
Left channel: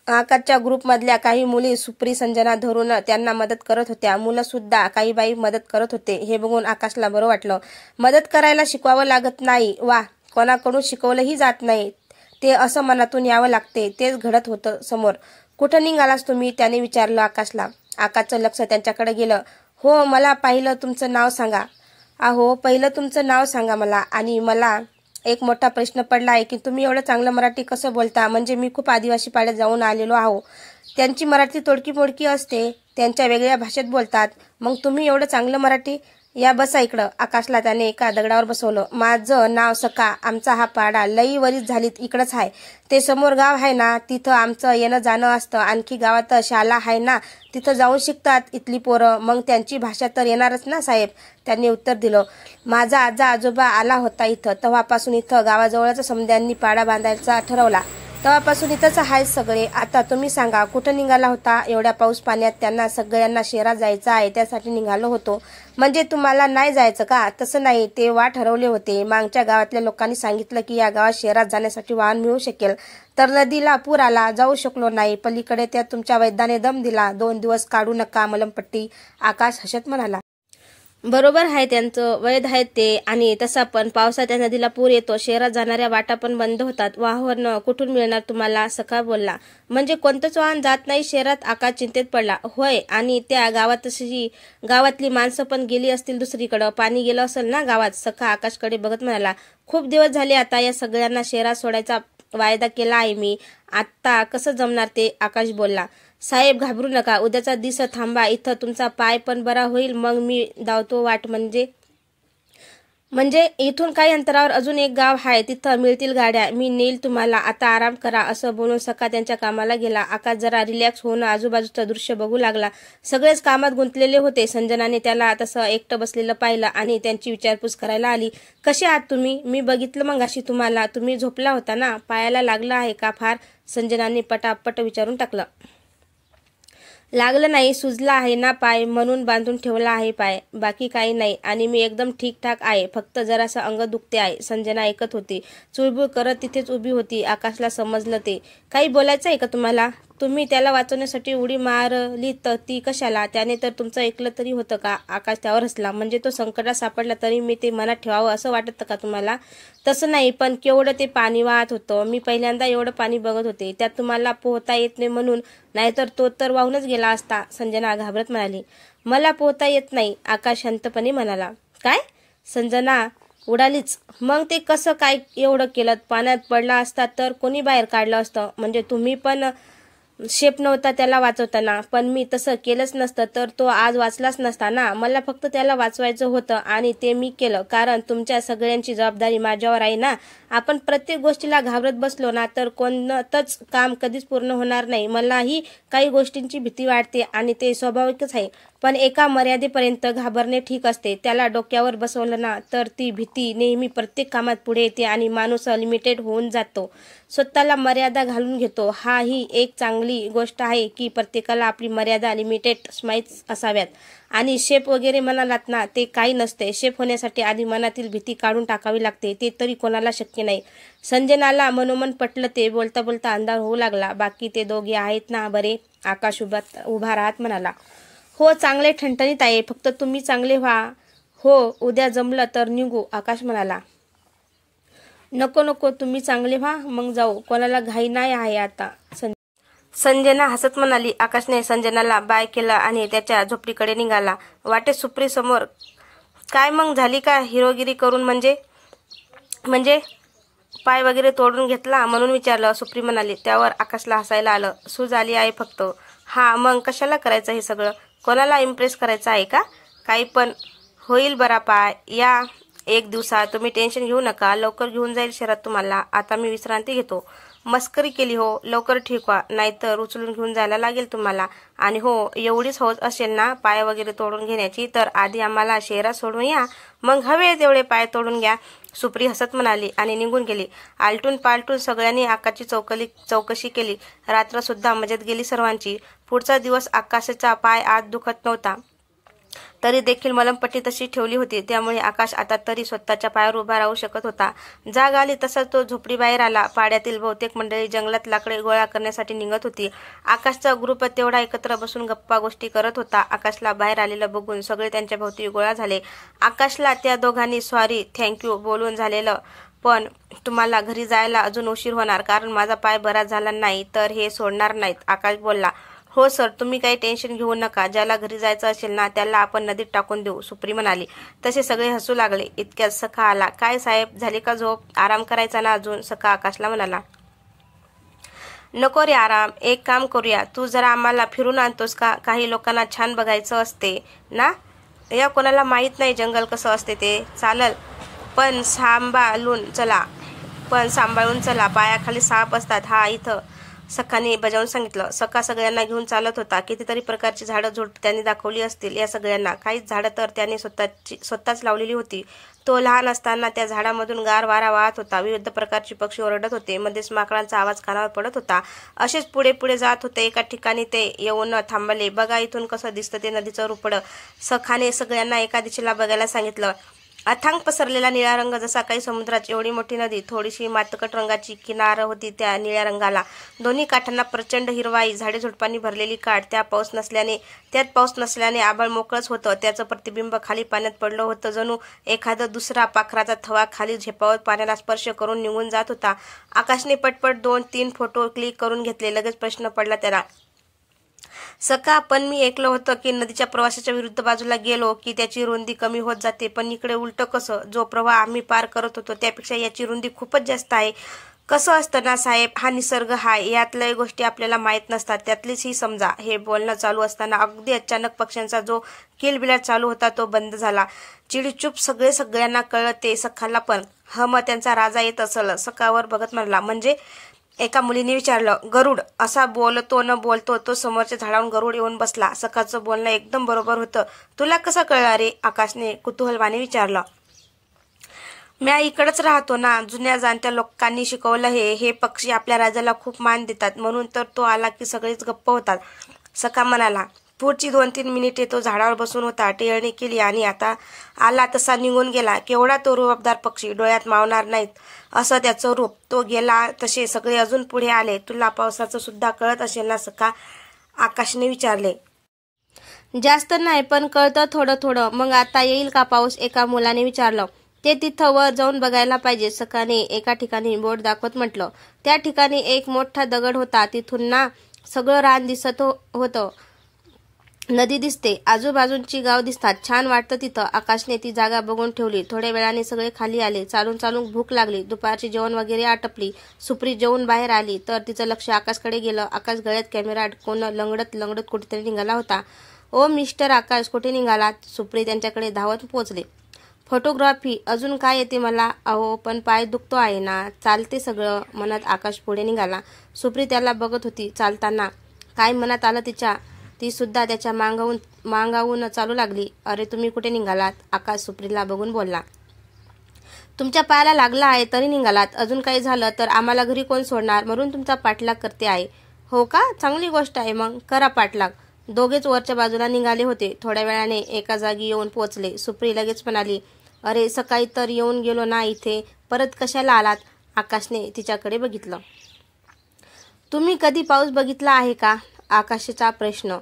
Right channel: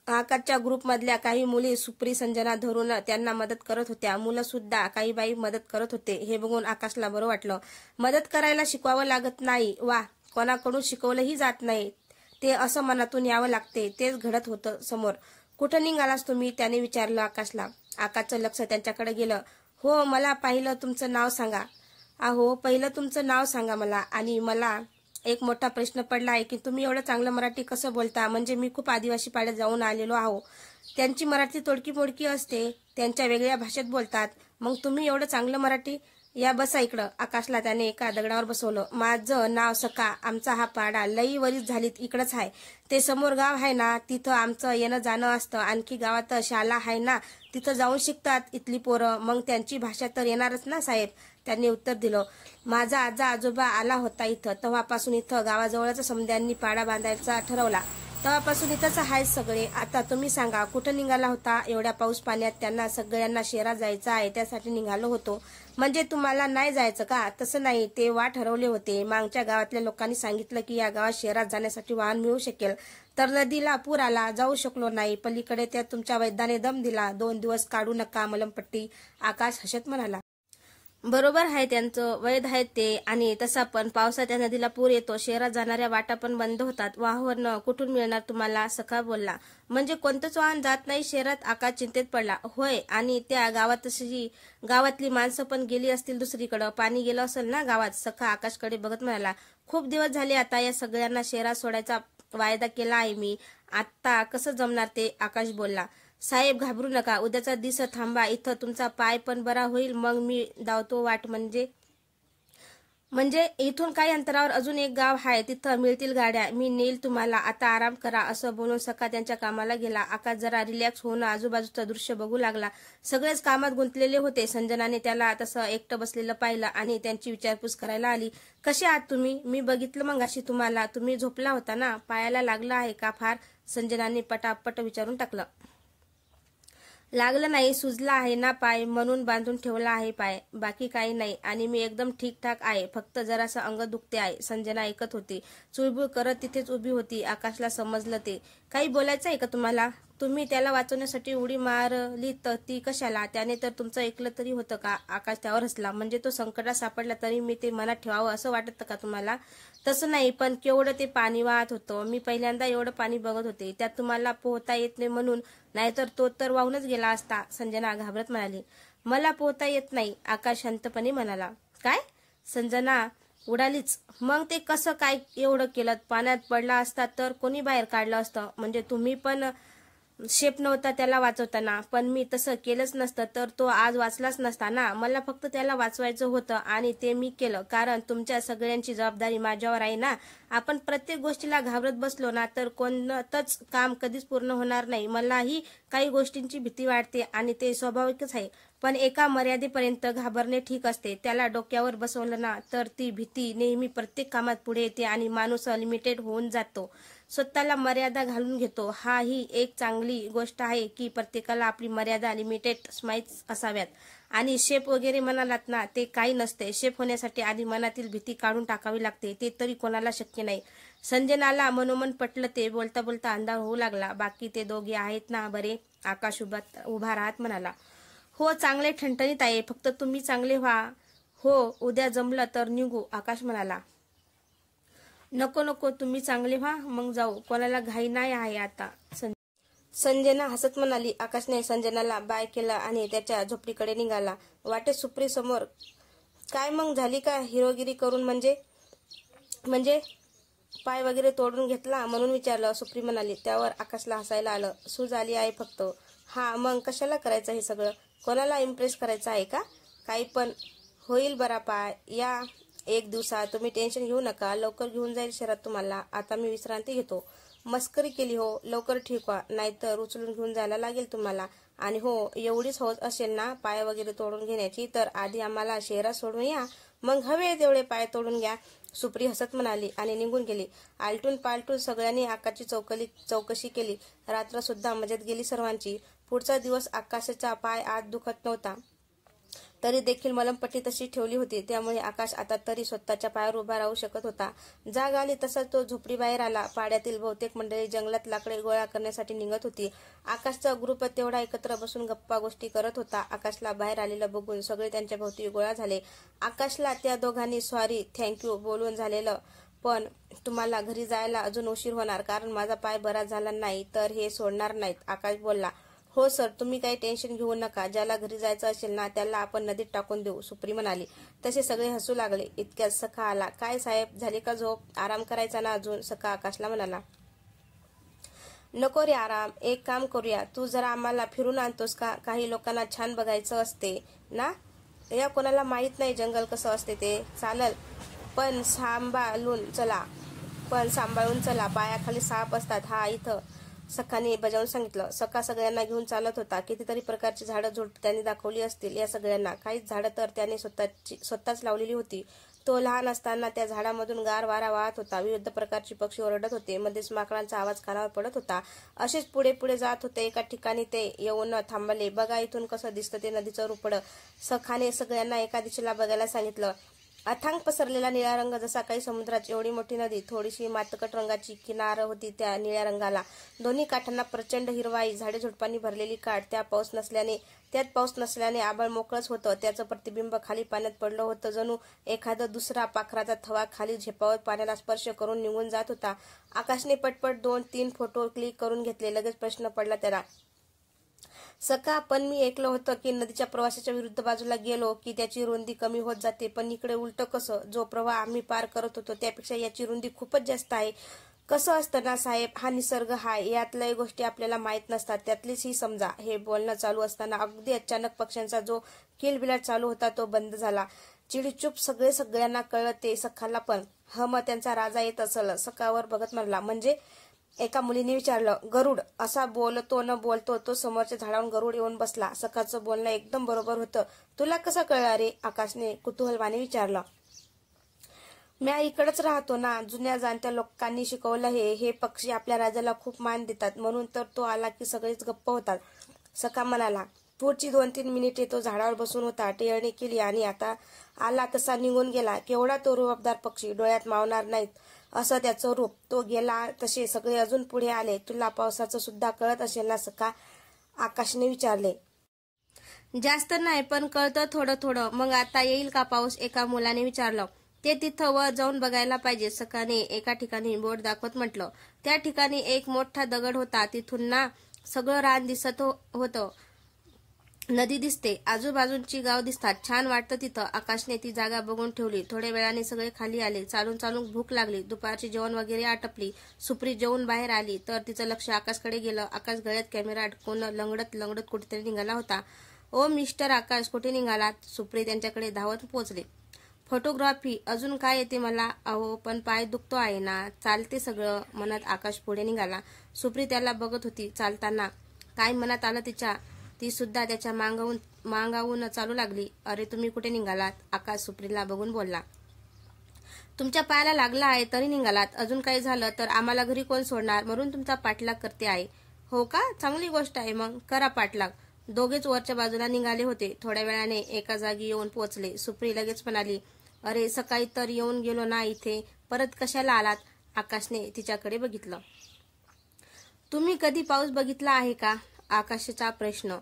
आकाशच्या ग्रुपमधल्या काही मुली सुप्री संजना धरून त्यांना मदत करत होत्या. मुलं सुद्धा काही बाई मदत करत होते. हे बघून आकाशला बरं वाटलं. मदत करायला शिकवावं लागत नाही. वा, कोणाकडून शिकवलंही जात नाही, ते असं मनातून यावं लागते. तेच घडत होतं समोर. कुठं निघालास तुम्ही? त्याने विचारलं आकाशला. आकाशचं लक्ष त्यांच्याकडे गेलं. हो, मला पहिलं तुमचं नाव सांगा. अहो, पहिलं तुमचं नाव सांगा मला. आणि मला एक मोठा प्रश्न पडला आहे की तुम्ही एवढं चांगलं मराठी कसं बोलता? म्हणजे मी खूप आदिवासी पाड्यात जाऊन आलेलो आहो. त्यांची मराठी तोडकी मोडकी असते, त्यांच्या वेगळ्या भाषेत बोलतात. मग तुम्ही एवढं चांगलं मराठी? या बसा इकडं. आकाशला त्याने एका दगडावर बसवलं. माझं नाव सखा. आमचा हा पाडा लई वरीच झालीत इकडंच आहे. ते समोर गाव आहे ना, तिथं आमचं येणं जाणं असतं. आणखी गावात शाळा आहे ना, तिथं जाऊन शिकतात इथली पोरं. मग त्यांची भाषा तर येणारच ना साहेब, त्यांनी उत्तर दिलं. माझा आजोबा आला होता इथं, तेव्हापासून इथं गावाजवळच समद्यांनी पाडा बांधायचा ठरवला. तेव्हापासून इथंच आहेत सगळे. आता तुम्ही सांगा, कुठं निघाला होता? एवढ्या पाऊस पाण्यात त्यांना सगळ्यांना शहरात जायचं आहे, त्यासाठी निघालो होतो. म्हणजे तुम्हाला नाही जायचं का? तसं नाही, ते वाट ठरवले होते. मागच्या गावातल्या लोकांनी सांगितलं की या गावात शहरात जाण्यासाठी वाहन मिळू शकेल, तर नदीला पूर आला, जाऊ शकलो नाही. पलीकडे त्या तुमच्या वैद्याने दम दिला. 2 दिवस काढू नका मलमपट्टी. आकाश हसत म्हणाला. बरोबर आहे त्यांचं, वैध आहेत ते. आणि तसा पण पावसात त्या नदीला पूर येतो, शहरात जाणाऱ्या वाटा पण बंद होतात. वाहन कुठून मिळणार तुम्हाला? सखा बोलला. म्हणजे कोणतंच वाहन जात नाही शहरात? आकाश चिंतेत पडला. होय, आणि त्या गावातली माणसं पण गेली असतील दुसरीकडं, पाणी गेलं असेल ना गावात. सखा आकाशकडे बघत म्हणाला. खूप दिवस झाले आता या सगळ्यांना शहरात सोडायचा वायदा केला आहे मी, आता कसं जमणार ते? आकाश बोलला. साहेब घाबरू नका, उद्याचा दिवस थांबा इथं, तुमचा पाय पण बरा होईल, मग मी धावतो वाट. म्हणजे म्हणजे इथून काही अंतरावर अजून एक गाव आहे, तिथं मिळतील गाड्या, मी नेईल तुम्हाला, आता आराम करा, असं बोलून सखा त्यांच्या कामाला गेला. आकाश जरा रिलॅक्स होऊन आजूबाजूचं दृश्य बघू लागला. सगळेच कामात गुंतलेले होते. संजनाने त्याला तसं एकटं बसलेलं पाहिलं आणि त्यांची विचारपूस करायला आली. कसे आहात तुम्ही? मी बघितलं मगाशी तुम्हाला, तुम्ही झोपला होता ना? पायाला लागलं आहे का फार? संजनाने पटापट विचारून टाकलं. लागलं नाही, सुजला आहे ना पाय, म्हणून बांधून ठेवला आहे पाय, बाकी काही नाही. आणि मी एकदम ठीकठाक आहे, फक्त जरासं अंग दुखते आहे. संजना ऐकत होती, चुळबुळ करत तिथेच उभी होती. आकाशला समजलं ते. काही बोलायचं आहे का तुम्हाला? तुम्ही त्याला वाचवण्यासाठी उडी मारली तर ती कशाला? त्याने तर तुमचं ऐकलं तरी होतं का? आकाश त्यावर हसला. म्हणजे तो संकटात सापडला तरी मी ते मनात ठेवावं असं वाटतं का तुम्हाला? तसं नाही, पण केवढं ते पाणी वाहत होतं. मी पहिल्यांदा एवढं पाणी बघत होते. त्यात तुम्हाला पोहता येत नाही म्हणून, नाहीतर तो तर वाहूनच गेला असता. संजना घाबरत म्हणाली. मला पोहता येत नाही, आकाश शांतपणे म्हणाला. काय? संजना उडालीच. मग ते कसं काय एवढं केलं? पाण्यात पडला असता तर कोणी बाहेर काढलं असतं? म्हणजे तुम्ही पण शेप नव्हता त्याला वाचवताना, पण मी तसं केलंच नसतं तर तो आज वाचलाच नसता ना. मला फक्त त्याला वाचवायचं होतं आणि ते मी केलं, कारण तुमच्या सगळ्यांची जबाबदारी माझ्यावर आहे ना. आपण प्रत्येक गोष्टीला घाबरत बसलो ना तर कोणतंच काम कधीच पूर्ण होणार नाही. मलाही काही गोष्टींची भीती वाटते आणि ते स्वाभाविकच आहे, पण एका मर्यादेपर्यंत घाबरणे ठीक असते. त्याला डोक्यावर बसवलं ना तर ती भीती नेहमी प्रत्येक कामात पुढे येते आणि माणूस लिमिटेड होऊन जातो, स्वतःला मर्यादा घालून घेतो. हा ही एक चांगली गोष्ट आहे की प्रत्येकाला आपली मर्यादा लिमिटेड माहीत असाव्यात. आणि शेप वगैरे म्हणालात ना, ते काही नसते. शेप होण्यासाठी आधी मनातील भीती काढून टाकावी लागते, ते तरी कोणाला शक्य नाही. संजनाला मनोमन पटलं ते. बोलता बोलता अंधार होऊ लागला. बाकी ते दोघे आहेत ना बरे? आकाश उभा राहत म्हणाला. हो, चांगले ठणठणीत आहे, फक्त तुम्ही चांगले व्हा. हो, उद्या जमलं तर निघू, आकाश म्हणाला. नको नको, तुम्ही चांगले व्हा मग जाऊ, कोणाला घाई नाही आहे आता. संजना हसत म्हणाली. आकाशने संजनाला बाय केला आणि त्याच्या झोपडीकडे निघाला. वाटेत सुप्री समोर. काय मग झाली का हिरोगिरी करून? म्हणजे पाय वगैरे तोडून घेतला म्हणून विचारलं, सुप्री म्हणाली. त्यावर आकाशला हसायला आलं. सूज आली आहे फक्त. हा, मग कशाला करायचं हे सगळं? कोणाला इम्प्रेस करायचं आहे का? काही पण होईल बरा पाय या एक दिवसात. तुम्ही टेन्शन घेऊ नका, लवकर घेऊन जाईल शहरात तुम्हाला. आता मी विश्रांती घेतो. मस्करी केली हो, लवकर ठीक व्हा, नाहीतर उचलून घेऊन जायला लागेल तुम्हाला. आणि हो, एवढीच हौस असेल ना पाय वगैरे तोडून घेण्याची, तर आधी आम्हाला शहरात सोडून या, मग हवे तेवढे पाय तोडून घ्या, सुप्री हसत म्हणाली आणि निघून गेली. आलटून पालटून सगळ्यांनी आकाशची चौकशी केली. रात्र सुद्धा मजेत गेली सर्वांची. पुढचा दिवस आकाशाचा पाय आज दुखत नव्हता, तरी देखील मलमपट्टी तशी ठेवली होती, त्यामुळे आकाश आता तरी स्वतःच्या पायावर उभा राहू शकत होता. जाग आली तसा तो झोपडीबाहेर आला. पाड्यातील बहुतेक मंडळी जंगलात लाकडे गोळा करण्यासाठी निघत होती. आकाशचा ग्रुप तेवढा एकत्र बसून गप्पा गोष्टी करत होता. आकाशला बाहेर आलेलं बघून सगळे त्यांच्या भोवती गोळा झाले. आकाशला त्या दोघांनी सॉरी थँक्यू बोलून झालेलं, पण तुम्हाला घरी जायला अजून उशीर होणार, कारण माझा पाय बरा झाला नाही तर हे सोडणार नाहीत, आकाश बोलला. हो सर, तुम्ही काही टेन्शन घेऊ नका, ज्याला घरी जायचं असेल ना त्याला आपण नदीत टाकून देऊ, सुप्री म्हणाली. तसे सगळे हसू लागले. इतक्यात सखा आला. काय साहेब, झाले का झोप? आराम करायचा ना अजून, सखा आकाशला म्हणाला. नको रे आराम, एक काम करूया, तू जरा आम्हाला फिरून आणतोस का? काही लोकांना छान बघायचं असते ना, या कोणाला माहीत नाही जंगल कसं असते ते. चालल, पण सांभाळून चला, पायाखाली साप असतात. हा, इथं, सखाने बजावून सांगितलं. सखा सगळ्यांना घेऊन चालत होता. कितीतरी प्रकारची झाडं झुडप त्यांनी दाखवली असतील या सगळ्यांना. काही झाडं तर त्याने स्वतःच लावलेली होती. तो लहान असताना त्या झाडामधून गार वारा वाहत होता. विविध प्रकारची पक्षी ओरडत होते. मध्येच माकडांचा आवाज कानावर पडत होता. असेच पुढे पुढे जात होते. एका ठिकाणी ते येऊन थांबले. बघा इथून कसं दिसतं ते नदीचं रुपडं. सखाने सगळ्यांना एका दिशेला बघायला सांगितलं. अथांग पसरलेला निळा रंग, जसा काही समुद्राची एवढी मोठी नदी. थोडीशी मातकट रंगाची किनार होती त्या निळ्या रंगाला. दोन्ही काठांना प्रचंड हिरवाई, झाडे झुडपांनी भरलेली काठ. त्यात पाऊस नसल्याने आभाळ मोकळंच होतं. त्याचं प्रतिबिंब खाली पाण्यात पडलं होतं. जणू एखादा दुसरा पाखराचा थवा खाली झेपावत पाण्याला स्पर्श करून निघून जात होता. आकाशने पटपट 2-3 फोटो क्लिक करून घेतले. लगेच प्रश्न पडला त्याला. सका, पण मी ऐकलं होतं की नदीच्या प्रवासाच्या विरुद्ध बाजूला गेलो की त्याची रुंदी कमी होत जाते, पण इकडे उलट कसं? जो प्रवाह आम्ही पार करत होतो त्यापेक्षा याची रुंदी खूपच जास्त आहे. कसं असतं ना साहेब, हा निसर्ग हाय, यातल्या गोष्टी आपल्याला माहीत नसतात, त्यातलीच ही समजा. हे बोलणं चालू असताना अगदी अचानक पक्ष्यांचा जो किलबिलाट चालू होता तो बंद झाला. चिडीचूप सगळ्यांना कळलं, ते सखाला पण. मग त्यांचा राजा येत असल. सखावर बघत म्हणला. म्हणजे? एका मुलीने विचारलं. गरुड असा बोलतो न बोलतो तो समोरच्या झाडावरून गरुड येऊन बसला. सखाचं बोलणं एकदम बरोबर होतं. तुला कसं कळलं रे? आकाशने कुतूहलाने विचारलं. म्या इकडंच राहतो ना, जुन्या जाणत्या लोकांनी शिकवलं हे पक्षी आपल्या राजाला खूप मान देतात, म्हणून तर तो आला की सगळेच गप्प होतात. सखा म्हणाला. पुढची 2-3 मिनिटे तो झाडावर बसून होता. टिळणी केली आणि आता आला तसा निघून गेला. केवढा तो रुबाबदार पक्षी, डोळ्यात मावणार नाहीत असं त्याचं रूप. तो गेला तसे सगळे अजून पुढे आले. तुला पावसाचं सुद्धा कळत असेल ना सखा? आकाशने विचारले. जास्त नाही, पण कळतं थोडं थोडं. मग आता येईल का पाऊस? एका मुलाने विचारलं. ते तिथं वर जाऊन बघायला पाहिजे, सखाने एका ठिकाणी बोट दाखवत म्हटलं. त्या ठिकाणी एक मोठा दगड होता. तिथून ना सगळं रान दिसत होतं. नदी दिसते, आजूबाजूंची गाव दिसतात. छान वाटतं तिथं. आकाशने ती जागा बघून ठेवली. थोड्या वेळाने सगळे खाली आले. चालून चालून भूक लागली. दुपारची जेवण वगैरे आटपली. सुप्री जेवून बाहेर आली तर तिचं लक्ष आकाशकडे गेलं. आकाश गळ्यात कॅमेरा अडकवून लंगडत कुठेतरी निघाला होता. ओ मिस्टर आकाश, कुठे निघालात? सुप्री त्यांच्याकडे धावत पोहोचले. फोटोग्राफी. अजून काय येते मला? अहो पण पाय दुखतो आहे ना. चालते सगळं, म्हणत आकाश पुढे निघाला. सुप्री त्याला बघत होती चालताना. काय मनात आलं तिच्या? ती सुद्धा त्याच्या मागावून चालू लागली. अरे तुम्ही कुठे निघालात? आकाश सुप्रीला बघून बोलला. तुमच्या पायाला लागला आहे तरी निघालात. अजून काही झालं तर आम्हाला घरी कोण सोडणार, म्हणून तुमचा पाठलाग करते आहे. हो का? चांगली गोष्ट आहे, मग करा पाठलाग. दोघेच वरच्या बाजूला निघाले होते. थोड्या वेळाने एका जागी येऊन पोहोचले. सुप्री लगेच म्हणाली. अरे सकाळी तर येऊन गेलो ना इथे, परत कशाला आलात? आकाशने तिच्याकडे बघितलं. तुम्ही कधी पाऊस बघितला आहे का? आकाशचा प्रश्न.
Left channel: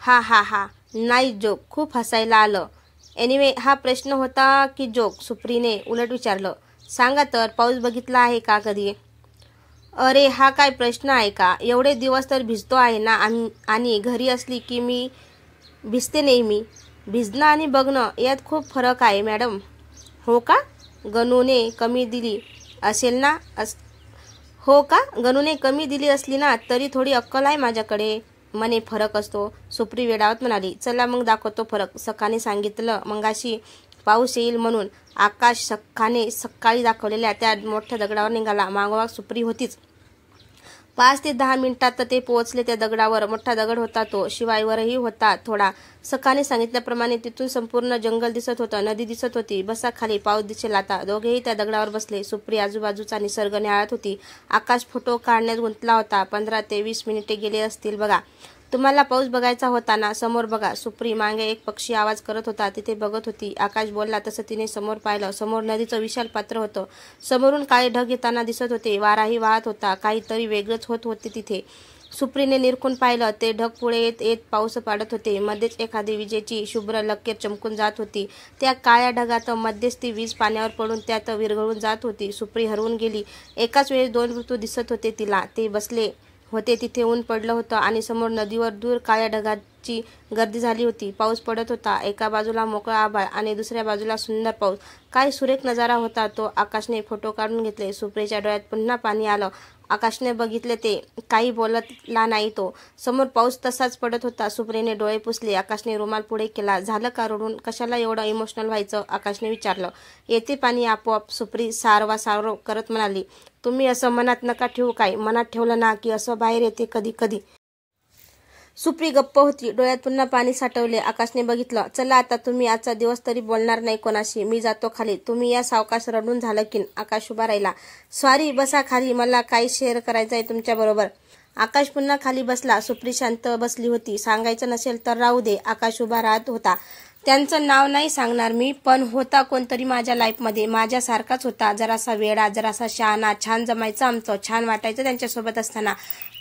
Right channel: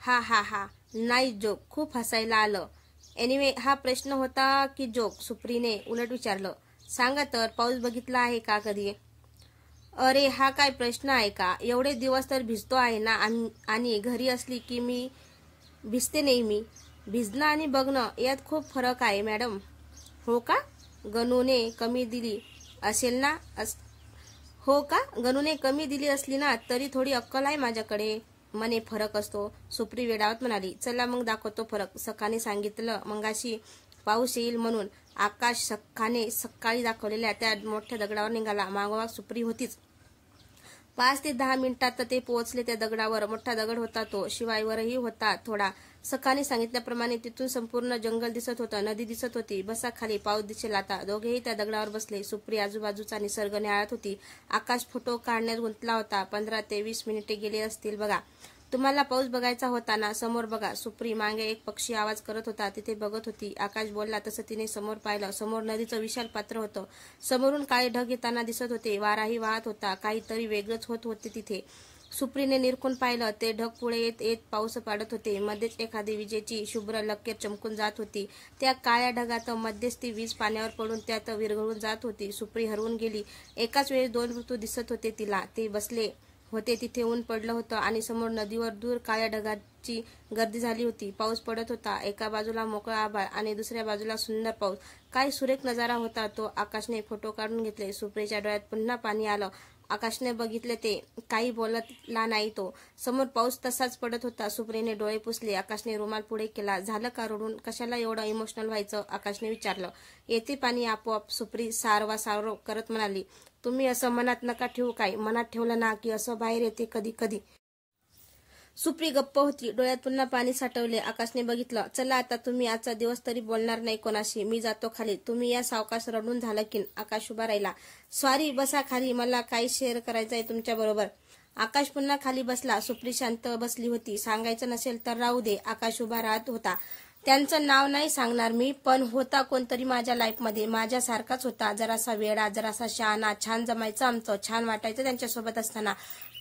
हा नाही, जोक. खूप हसायला आलं. एनिवे, हा प्रश्न होता की जोक? सुप्रीने उलट विचारलं. सांगा तर, पाऊस बघितला आहे का कधी? अरे हा काय प्रश्न आहे का? एवढे दिवस तर भिजतो आहे ना, आणि घरी असली की मी भिजते नेहमी. भिजणं आणि बघणं यात खूप फरक आहे मॅडम. हो का? गणूने कमी दिली असेल ना? हो का? गणूने कमी दिली असली ना तरी थोडी अक्कल आहे माझ्याकडे. मने फरक असतो, सुप्री वेडावत म्हणाली. चला मग दाखवतो फरक. सखाने सांगितलं मंगाशी पाऊस येईल म्हणून. आकाश सखाने सकाळी दाखवलेल्या त्या मोठ्या दगडावर निघाला. मागोमाग सुप्री होतीच. 5 ते 10 मिनिटात ते पोहोचले त्या दगडावर. मोठा दगड होता तो, शिवाय वरही होता थोडा. सखाने सांगितल्याप्रमाणे तिथून संपूर्ण जंगल दिसत होतं. नदी दिसत होती. बसा खाली, पाऊस दिसेल आता. दोघेही त्या दगडावर बसले. सुप्री आजूबाजूचा निसर्ग निहाळत होती. आकाश फोटो काढण्यात गुंतला होता. 15 ते 20 मिनिटे गेले असतील बघा. तुम्हाला पाऊस बघायचा होता ना? समोर बघा. सुप्री मागे एक पक्षी आवाज करत होता, तिथे बघत होती. आकाश बोलला तसं तिने समोर पाहिलं. समोर नदीचं विशाल पात्र होतं. समोरून काळे ढग येताना दिसत होते. वाराही वाहत होता. काहीतरी वेगळंच होत होते तिथे. सुप्रीने निरखून पाहिलं. ते ढग पुढे येत येत पाऊस पाडत होते. मध्येच एखादी विजेची शुभ्र लकीर चमकून जात होती. त्या काळ्या ढगात मध्येच ती वीज पाण्यावर पडून त्यात विरघळून जात होती. सुप्री हरवून गेली. एकाच वेळेस 2 ऋतू दिसत होते तिला. ते बसले होते तिथे ऊन पडलं होतं आणि समोर नदीवर दूर काळ्या ढगाची गर्दी झाली होती. पाऊस पडत होता. एका बाजूला मोकळा आभाळ आणि दुसऱ्या बाजूला सुंदर पाऊस. काय सुरेख नजारा होता तो. आकाशने फोटो काढून घेतले. सुप्रीच्या डोळ्यात पुन्हा पाणी आलं. आकाशने बघितले ते. काही बोलला नाही तो. समोर पाऊस तसाच पडत होता. सुप्रीने डोळे पुसले. आकाशने रुमाल पुढे केला. झालं का रडून? कशाला एवढं इमोशनल व्हायचं? आकाशने विचारलं. येते पाणी आपोआप, सुप्री सारव करत म्हणाली. तुम्ही असं मनात नका ठेवू. काय मनात ठेवलं ना की असं बाहेर येते कधी कधी. सुप्री गप्प होती. डोळ्यात पुन्हा पाणी साठवले. आकाशने बघितलं. चला आता, तुम्ही आजचा दिवस तरी बोलणार नाही कोणाशी. मी जातो खाली. तुम्ही या सावकाश, रडून झालं की. आकाश उभा राहिला. सॉरी, बसा खाली, मला काही शेअर करायचं आहे तुमच्या बरोबर. आकाश पुन्हा खाली बसला. सुप्री शांत बसली होती. सांगायचं नसेल तर राहू दे. आकाश उभा राहत होता. त्यांचं नाव नाही सांगणार मी, पण होता कोणतरी माझ्या लाईफमध्ये. माझ्यासारखाच होता. जरासा वेडा, जरासा शहाणा. छान जमायचं आमचं. छान वाटायचं त्यांच्यासोबत असताना.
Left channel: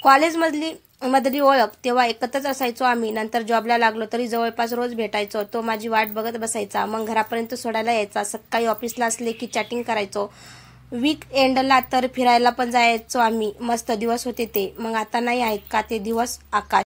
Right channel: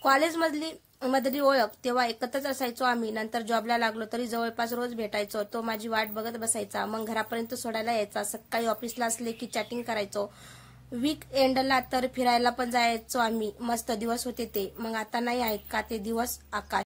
कॉलेजमधली ओळख, तेव्हा एकत्रच असायचो आम्ही. नंतर जॉबला लागलो तरी जवळपास रोज भेटायचो. तो माझी वाट बघत बसायचा. मग घरापर्यंत सोडायला यायचा. सकाळी ऑफिसला असले की चॅटिंग करायचो. वीक एंडला तर फिरायला पण जायचो आम्ही. मस्त दिवस होते ते. मग आता नाही आहेत का ते दिवस? आकाश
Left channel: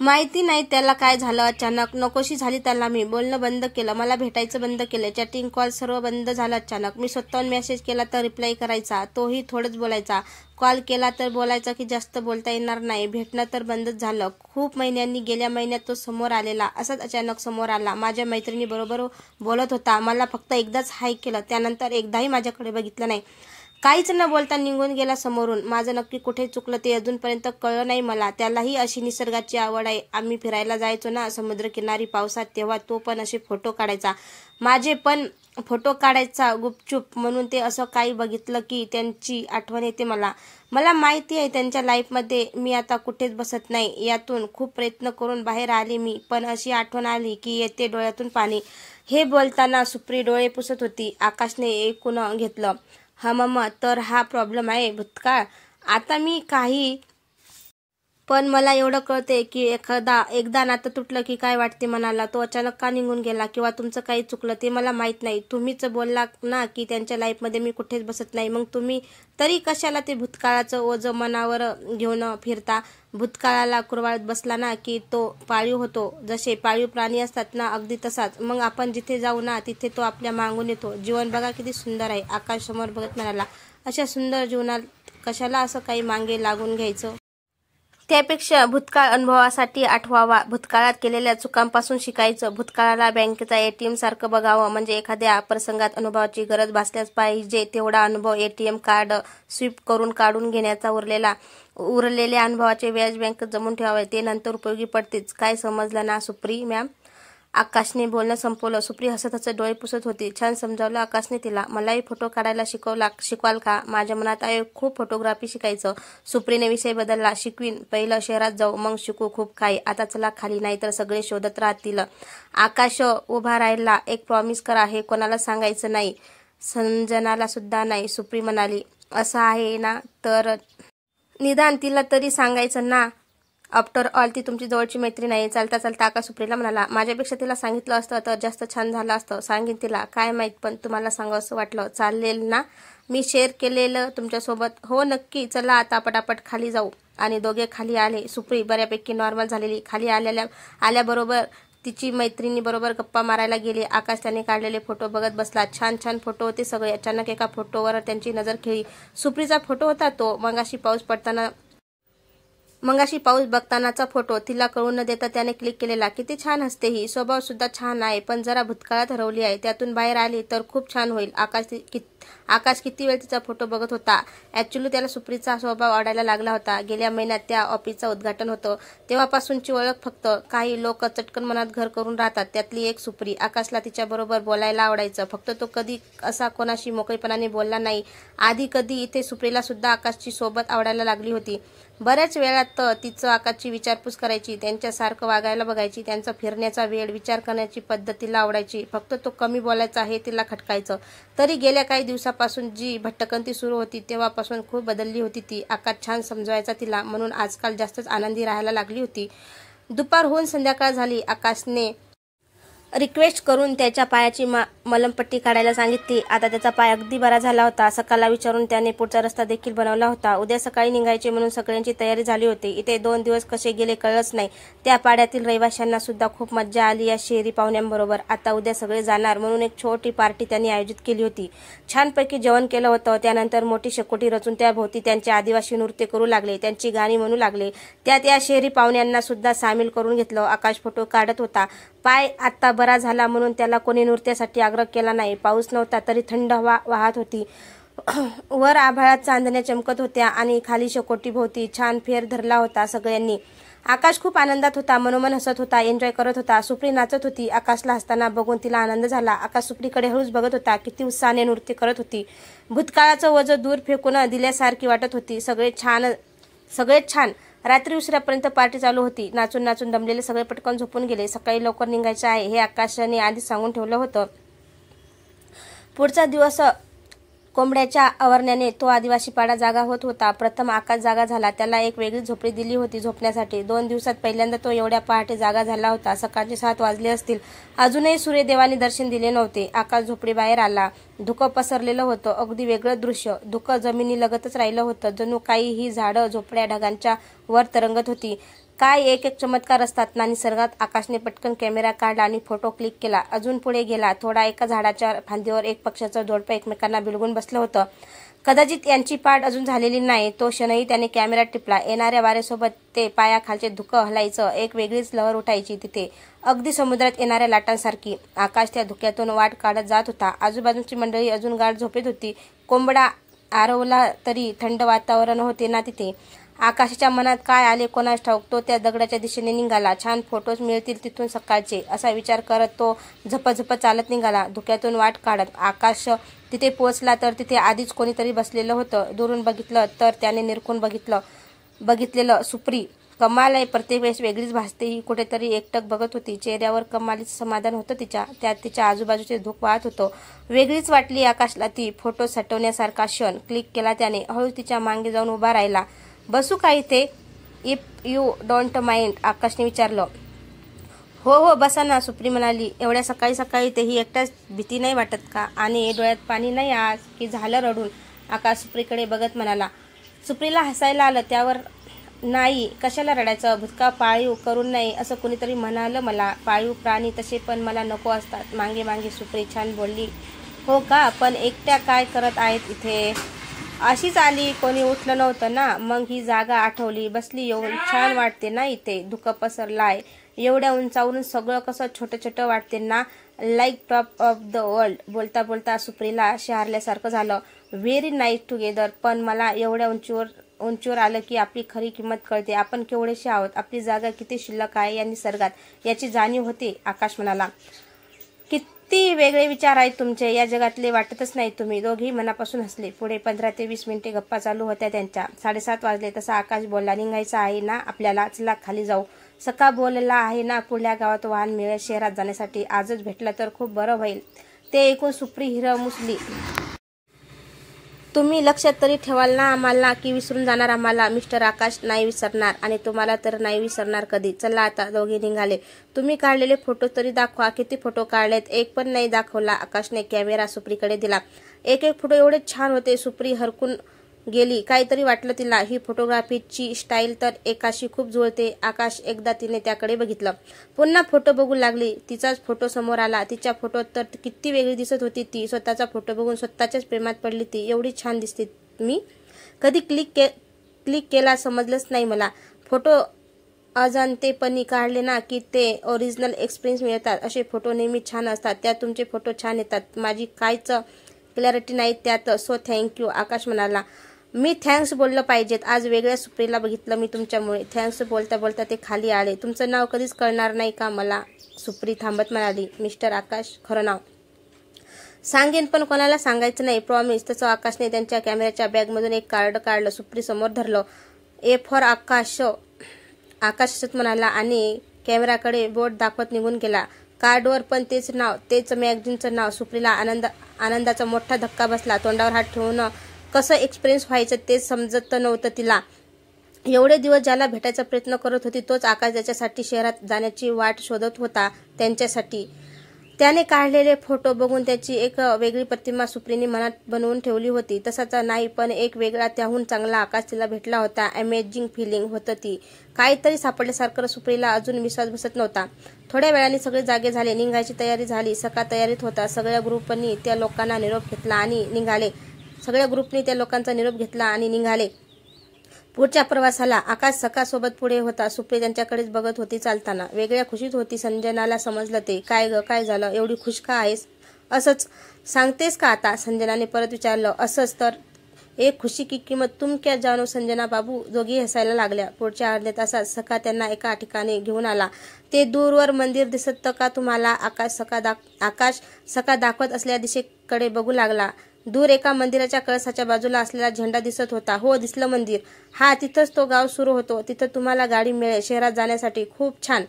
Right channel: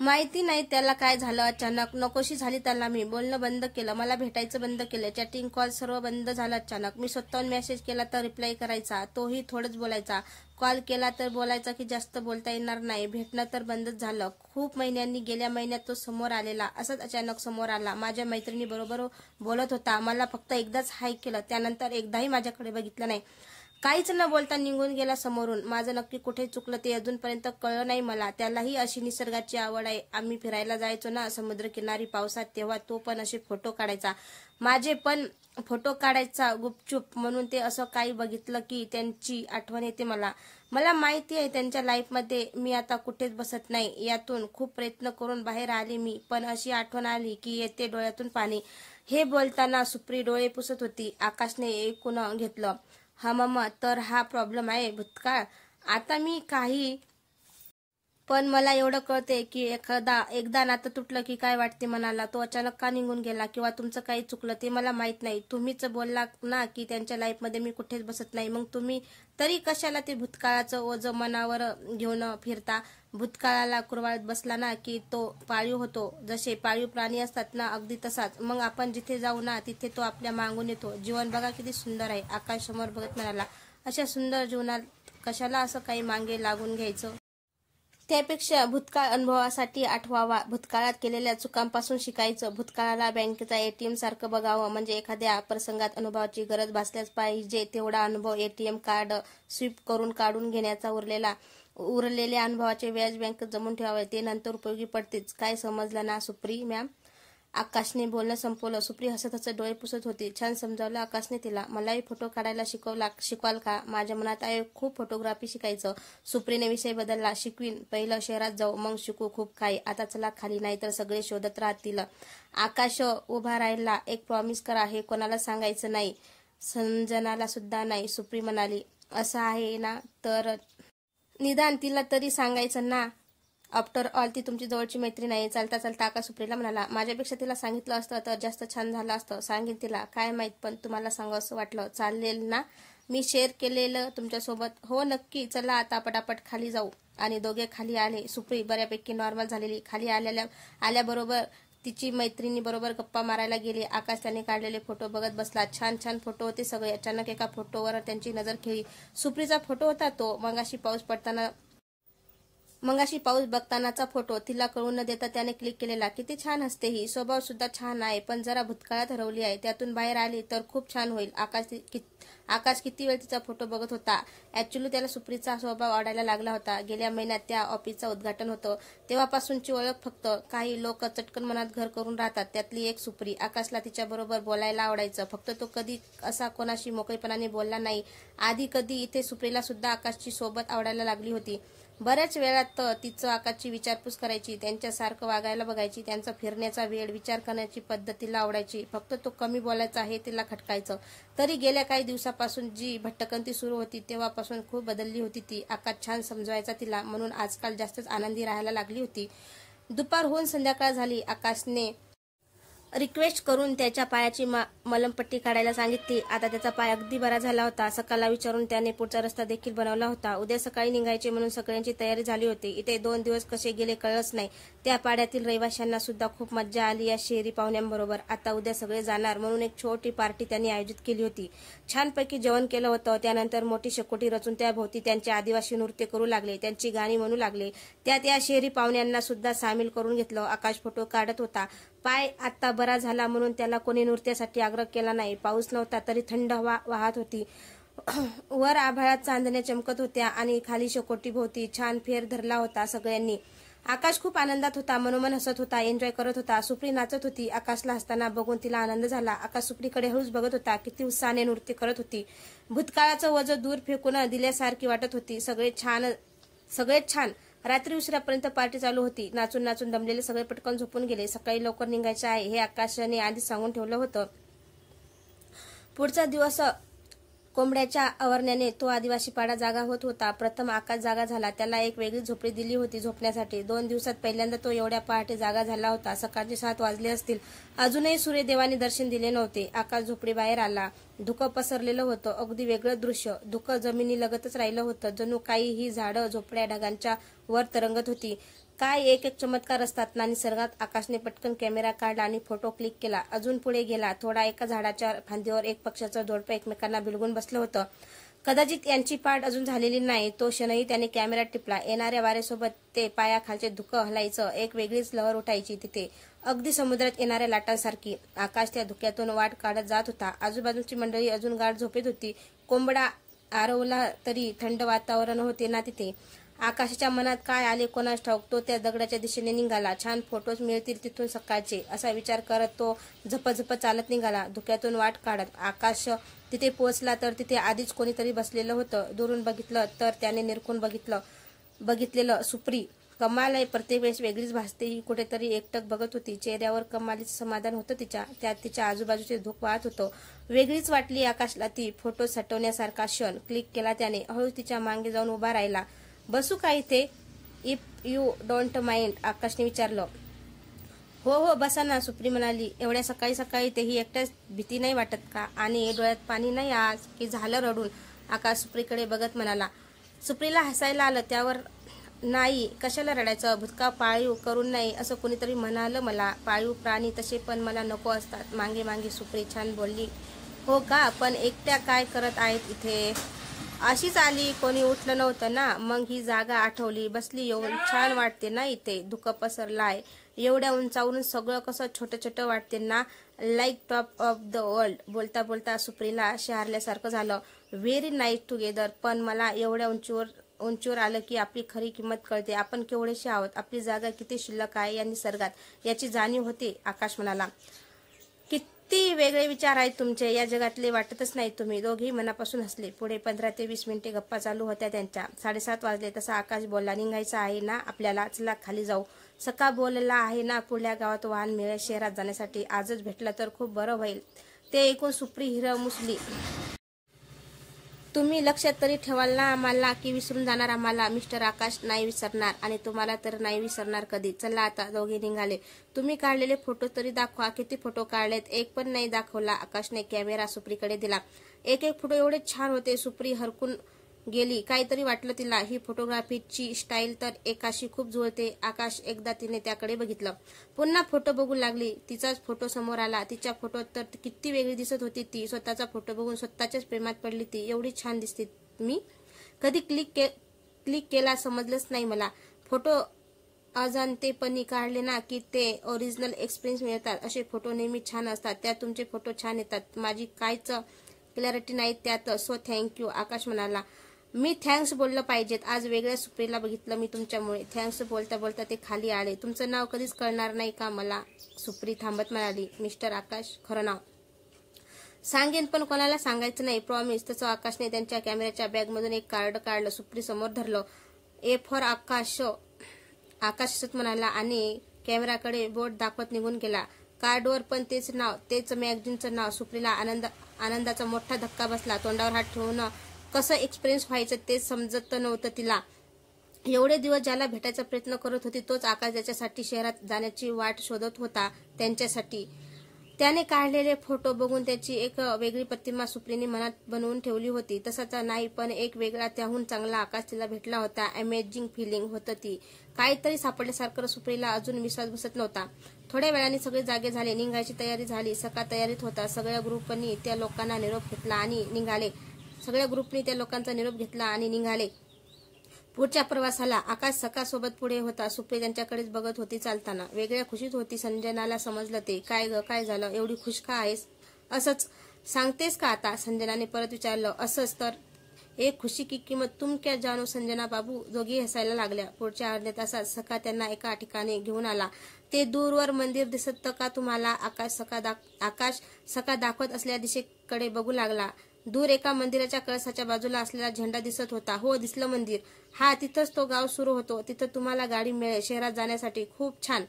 माहिती नाही त्याला काय झालं, अचानक नकोशी झाली त्याला. मी बोलणं बंद केलं, मला भेटायचं बंद केलं, चॅटिंग कॉल सर्व बंद झालं अचानक. मी स्वतःहून मेसेज केला तर रिप्लाय करायचा, तोही थोडंच बोलायचा. कॉल केला तर बोलायचा की जास्त बोलता येणार नाही. भेटणं तर बंदच झालं. खूप महिन्यांनी, गेल्या महिन्यात तो समोर आलेला, असाच अचानक समोर आला. माझ्या मैत्रिणी बरोबर बोलत होता. मला फक्त एकदाच हाय केलं, त्यानंतर एकदाही माझ्याकडे बघितलं नाही. काहीच न बोलता निघून गेला समोरून. माझं नक्की कुठे चुकलं ते अजूनपर्यंत कळलं नाही मला. त्यालाही अशी निसर्गाची आवड आहे. आम्ही फिरायला जायचो ना समुद्रकिनारी पावसात, तेव्हा तो पण असे फोटो काढायचा. माझे पण फोटो काढायचा गुपचूप. म्हणून ते असं काही बघितलं की त्यांची आठवण येते मला. मला माहिती आहे त्यांच्या लाईफमध्ये मी आता कुठेच बसत नाही. यातून खूप प्रयत्न करून बाहेर आले मी, पण अशी आठवण आली की येते डोळ्यातून पाणी. हे बोलताना सुप्री डोळे पुसत होती. आकाशने ऐकून घेतलं. हा मम्मा, तर हा प्रॉब्लेम आहे भूतकाळ. आता मी काही, पण मला एवढं कळते की एकदा नातं तुटलं की काय वाटते मनाला. तो अचानक का निघून गेला किंवा तुमचं काही चुकलं ते मला माहित नाही. तुम्हीच बोलला ना की त्यांच्या लाईफमध्ये मी कुठेच बसत नाही. मग तुम्ही तरी कशाला ते भूतकाळाचं ओझं मनावर घेऊन फिरता? भूतकाळाला कुरवाळत बसला ना की तो पाळीव होतो. जसे पाळीव प्राणी असतात ना, अगदी तसाच. मग आपण जिथे जाऊ ना तिथे तो आपल्या मागून येतो. जीवन बघा किती सुंदर आहे. आकाश समोर बघत म्हणाला. अशा सुंदर जीवनात कशाला असं काही मागे लागून घ्यायचं? त्यापेक्षा भूतकाळ अनुभवासाठी आठवावा. भूतकाळात केलेल्या चुकांपासून शिकायचं. भूतकाळाला बँकेचा एटीएम सारखं बघावं. म्हणजे एखाद्या प्रसंगात अनुभवाची गरज भासल्यास पाहिजे तेवढा अनुभव एटीएम कार्ड स्वीप करून काढून घेण्याचा उरलेल्या अनुभवाचे व्याज बँकेत जमून ठेवावे. ते नंतर उपयोगी पडतेच. काय समजलं ना सुप्री मॅम? आकाशने बोलणं संपवलं. सुप्री हसत हसत डोळे पुसत होती. छान समजावलं आकाशने तिला. मलाही फोटो काढायला शिकवाल का? माझ्या मनात आहे खूप फोटोग्राफी शिकायचं. सुप्रीने विषय बदलला. शिकवीन. पहिलं शहरात जाऊ, मग शिकू खूप काही. आता चला खाली, नाहीतर सगळे शोधत राहतील. आकाश उभा राहिला. एक प्रॉमिस करा, हे कोणाला सांगायचं नाही. संजनाला सुद्धा नाही. सुप्री म्हणाली. असं आहे ना, तर निदान तिला तरी सांगायचं ना. आफ्टर ऑल ती तुमची जवळची मैत्रीण आहे. चालता चालता आकाश सुप्रीला म्हणाला. माझ्यापेक्षा तिला सांगितलं असतं तर जास्त छान झालं असतं. सांगेन तिला. काय माहित, पण तुम्हाला सांगा असं वाटलं. चालेल ना मी शेअर केलेलं तुमच्यासोबत? हो नक्की. चला आता पटापट खाली जाऊ. आणि दोघे खाली आले. सुप्री बऱ्यापैकी नॉर्मल झालेली. खाली आल्याबरोबर तिची मैत्रिणी बरोबर गप्पा मारायला गेली. आकाश त्याने काढलेले फोटो बघत बसला. छान छान फोटो होते सगळे. अचानक एका फोटोवर त्यांची नजर खेळली. सुप्रीचा फोटो होता तो. मगाशी पाऊस बघतानाचा फोटो. तिला कळून न देता त्याने क्लिक केलेला. किती छान हसते ही. स्वभाव सुद्धा छान आहे, पण जरा भूतकाळात हरवली आहे. त्यातून बाहेर आली तर खूप छान होईल. आकाश किती वेळ तिचा फोटो बघत होता. ऍक्च्युली त्याला सुप्रीचा स्वभाव आवडायला लागला होता. गेल्या महिन्यात त्या ऑफिसचं उद्घाटन होतं तेव्हापासूनची ओळख. फक्त काही लोक चटकन मनात घर करून राहतात. त्यातली एक सुप्री. आकाशला तिच्याबरोबर बोलायला आवडायचं. फक्त तो कधी असा कोणाशी मोकळेपणाने बोलला नाही. आधी कधी इथे सुप्रीला सुद्धा आकाशची सोबत आवडायला लागली होती. बऱ्याच वेळात तिचं आकाशची विचारपूस करायची. त्यांच्यासारखं वागायला बघायची. त्यांचा फिरण्याचा वेळ, विचार करण्याची पद्धत तिला आवडायची. फक्त तो कमी बोलायचा हे तिला खटकायचं. तरी गेल्या काही दिवसापासून जी भटकंती सुरू होती तेव्हापासून खूप बदलली होती ती. आकाश छान समजवायचा तिला, म्हणून आजकाल जास्तच आनंदी राहायला लागली होती. दुपार होऊन संध्याकाळ झाली. आकाशने रिक्वेस्ट करून त्याच्या पायाची मलमपट्टी काढायला सांगितली. आता त्याचा पाय अगदी बरा झाला होता. सकाळला विचारून त्याने पुढचा रस्ता देखील बनवला होता. उद्या सकाळी निघायचे म्हणून सगळ्यांची तयारी झाली होती. इथे 2 दिवस कसे गेले कळलंच नाही. त्या पाड्यातील रहिवाशांना सुद्धा खूप मज्जा आली या शहरी पाहुण्यांबरोबर. आता उद्या सगळे जाणार म्हणून एक छोटी पार्टी त्यांनी आयोजित केली होती. छानपैकी जेवण केलं होतं. त्यानंतर मोठी शेकोटी रचून त्याभोवती त्यांचे आदिवासी नृत्य करू लागले. त्यांची गाणी म्हणू लागले. त्यात या शहरी पाहुण्यांना सुद्धा सामील करून घेतलं. आकाश फोटो काढत होता. पाय आता बरा झाला म्हणून त्याला कोणी नृत्यासाठी आग्रह केला नाही. पाऊस नव्हता तरी थंड हवा वाहत होती. वर आभाळात चांदण्या चमकत होत्या आणि खाली शेकोटी भोवती छान फेर धरला होता सगळ्यांनी. आकाश खूप आनंदात होता. मनोमन हसत होता. एन्जॉय करत होता. सुप्री नाचत होती. आकाशला हसताना बघून तिला आनंद झाला. आकाश सुप्रीकडे हळूच बघत होता. किती उत्साहाने नृत्य करत होती. भूतकाळाचं वजन दूर फेकून दिल्यासारखी वाटत होती. सगळेच छान. रात्री उशिरापर्यंत पार्टी चालू होती. नाचून नाचून दमलेले सगळे पटकन झोपून गेले. सकाळी लवकर निघायचे आहे हे आकाशाने आधीच सांगून ठेवलं होतं. पुढचा दिवस कोंबड्याच्या आवारण्याने तो आदिवासी पाडा जागा होत होता. प्रथम आकाश जागा झाला. त्याला एक वेगळी झोपडी दिली होती झोपण्यासाठी. 2 दिवसात पहिल्यांदा तो एवढ्या पहाटे जागा झाला होता. सकाळचे 7 वाजले असतील. अजूनही सूर्यदेवाने दर्शन दिले नव्हते. आकाश झोपडी बाहेर आला. धुकं पसरलेलं होतं. अगदी वेगळं दृश्य. धुकं जमिनीलगतच राहिलं होतं. जणू काही ही झाडं झोपड्या ढगांच्या वर तरंगत होती. काय एक एक चमत्कार असतात ना निसर्गात. आकाशने पटकन कॅमेरा काढला आणि फोटो क्लिक केला. अजून पुढे गेला थोडा. एका झाडाच्या फांदीवर एक पक्ष्याचं जोडपं एकमेकांना बिलगून बसलं होतं. कदाचित यांची पाठ अजून झालेली नाही. तो क्षणही त्याने कॅमेरा टिपला. येणाऱ्या वाऱ्यासोबत ते पायाखालचे धुकं हलायचं. एक वेगळीच लहर उठायची तिथे, अगदी समुद्रात येणाऱ्या लाटांसारखी. आकाश त्या धुक्यातून वाट काढत जात होता. आजूबाजूची मंडळी अजून गाढ झोपेत होती. कोंबडा आरवला तरी थंड वातावरण होते ना तिथे. आकाशाच्या मनात काय आले कोणास ठाऊक. तो त्या दगडाच्या दिशेने निघाला. छान फोटोज मिळतील तिथून सकाळचे, असा विचार करत तो झपझप चालत निघाला, धुक्यातून वाट काढत. आकाश तिथे पोहोचला तर तिथे आधीच कोणीतरी बसलेलं होतं. दुरून बघितलं तर त्याने निरखून बघितलेलं सुप्री. कमाल आहे, प्रत्येक वेळेस वेगळीच भासते ही. कुठेतरी एकटक बघत होती. चेहऱ्यावर कमालीचं समाधान होतं तिच्या. त्यात तिच्या आजूबाजूचे धूक वाहत होतं. वेगळीच वाटली आकाशला ती. फोटो सटवण्यासारखा क्षण. क्लिक केला त्याने. हळू तिच्या मागे जाऊन उभा राहिला. बसू का इथे? इफ यू डोंट माइंड, आकाशने विचारलं. हो हो बसा ना, सुप्री म्हणाली. एवढ्या सकाळी सकाळी तेही एकट्याच, भीती नाही वाटत का? आणि डोळ्यात पाणी नाही आज की झालं रडून? आकाश सुप्रीकडे बघत म्हणाला. सुप्रीला हसायला आलं. त्यावर नाही, कशाला रडायचं? भुतका पाळीव करून नाही असं कुणीतरी म्हणालं मला. पाळीव प्राणी तसे पण मला नको असतात. मागे मागे सुप्री छान बोलली. हो का? पण एकट्या काय करत आहेत इथे? अशीच आली, कोणी उठलं नव्हतं ना, मग ही जागा आठवली, बसली येऊन. छान वाटते ना इथे. धुकं पसरलाय. एवढ्या उंचावरून सगळं कसं छोटं छोटं वाटते ना, like top of the world. बोलता बोलता सुप्रीला शहारल्यासारखं झालं. Very nice together. पण मला एवढ्या उंचीवर आलं की आपली खरी किंमत कळते. आपण केवढेशे आहोत. आपली जागा किती शिल्लक आहे या निसर्गात, याची जाणीव होते. आकाश म्हणाला. किती वेगळे विचार आहेत तुमचे. या जगातले वाटतच नाही तुम्ही. दोघेही मनापासून हसले. पुढे 15 ते 20 मिनिटे गप्पा चालू होत्या त्यांच्या. 7:30 वाजले. तसा आकाश बोलला. निघायचं आहे ना आपल्याला? चला खाली जाऊ. सका बोलला आहे ना, पुढल्या गावात वाहन मिळेल शहरात जाण्यासाठी. आजच भेटला तर खूप बरं होईल. ते ऐकून सुप्री हिरमुसली. तुम्ही लक्षात तरी ठेवाल ना आम्हाला, की विसरून जाणार आम्हाला? मिस्टर आकाश नाही विसरणार, आणि तुम्हाला तर नाही विसरणार कधी. चला आता. दोघे निघाले. तुम्ही काढलेले फोटो तरी दाखवा. किती फोटो काढलेत? एक पण नाही दाखवला. आकाशने कॅमेरा सुप्रीकडे दिला. एक एक फोटो एवढे छान होते. सुप्री हरकून गेली. काहीतरी वाटलं तिला. ही फोटोग्राफीची स्टाईल तर एकाशी खूप जुळते. आकाश एकदा तिने त्याकडे बघितलं. पुन्हा फोटो बघू लागली. तिचाच फोटो समोर आला. तिच्या फोटोत तर किती वेगळी दिसत होती ती. स्वतःचा फोटो बघून स्वतःच्याच प्रेमात पडली ती. एवढी छान दिसते मी. कधी क्लिक केला समजलंच नाही मला. फोटो अजाणतेपणी काढले ना की ते ओरिजिनल एक्सपिरियन्स मिळतात. असे फोटो नेहमी छान असतात. त्यात तुमचे फोटो छान येतात. माझी काहीच क्लॅरिटी नाही त्यात. सो थँक्यू, आकाश म्हणाला. मी थँक्स बोललं पाहिजेत. आज वेगळ्या सुप्रीला बघितलं मी तुमच्यामुळे. थँक्स बोलता बोलता ते खाली आले. तुमचं नाव कधीच कळणार नाही का मला? सुप्री थांबत म्हणाली. मिस्टर आकाश खरं नाव सांगेन, पण कोणाला सांगायचं नाही, प्रॉमिस. तसं आकाशने त्यांच्या कॅमेऱ्याच्या बॅगमधून एक कार्ड काढलं. सुप्री समोर धरलं. ए फॉर आकाश, आकाश असत म्हणाला आणि कॅमेराकडे बोट दाखवत निघून गेला. कार्डवर पण तेच नाव, तेच मॅगझिनचं नाव. सुप्रीला आनंदाचा मोठा धक्का बसला. तोंडावर हात ठेवून कसं एक्सपिरियन्स व्हायचं तेच समजत नव्हतं तिला. एवढे दिवस ज्याला भेटायचा प्रयत्न करत होती तोच आकाश ज्याच्यासाठी शहरात जाण्याची वाट शोधत होता त्यांच्यासाठी. त्याने काढलेले फोटो बघून त्याची एक वेगळी प्रतिमा सुप्रीने मनात बनवून ठेवली होती. तसाचा नाही, पण एक वेगळा, त्याहून चांगला आकाश तिला भेटला होता. अमेझिंग फिलिंग होतं ती. काहीतरी सापडल्यासारखं. सुप्रीला अजून विश्वास बसत नव्हता. थोड्या वेळाने सगळे जागे झाले. निघायची तयारी झाली. सका तयारीत होता. सगळ्या ग्रुपनी त्या लोकांना निरोप घेतला आणि निघाले. सगळ्या ग्रुपनी त्या लोकांचा निरोप घेतला आणि निघाले पुढच्या प्रवासाला. आकाश सकासोबत पुढे होता. सुप्री त्यांच्याकडेच बघत होती चालताना. वेगळ्या खुशीत होती. संजनाला समजलं ते. काय ग, काय झालं? एवढी खुश का आहेस? असंच सांगतेस का आता? संजनाने परत विचारलं. असंच तर. एक खुशी की किंमत तुम क्या जानो संजना बाबू. दोघी हसायला लागल्या. पुढच्या अर्ध्या तासात सका त्यांना एका ठिकाणी घेऊन आला. ते दूरवर मंदिर दिसत का तुम्हाला? आकाश सका दाखवत असलेल्या दिशेकडे बघू लागला. दूर एका मंदिराच्या कळसाच्या बाजूला असलेला झेंडा दिसत होता. हो, दिसलं मंदिर. हा, तिथंच तो गाव सुरू होतो. तिथं तुम्हाला गाडी मिळेल शहरात जाण्यासाठी. खूप छान.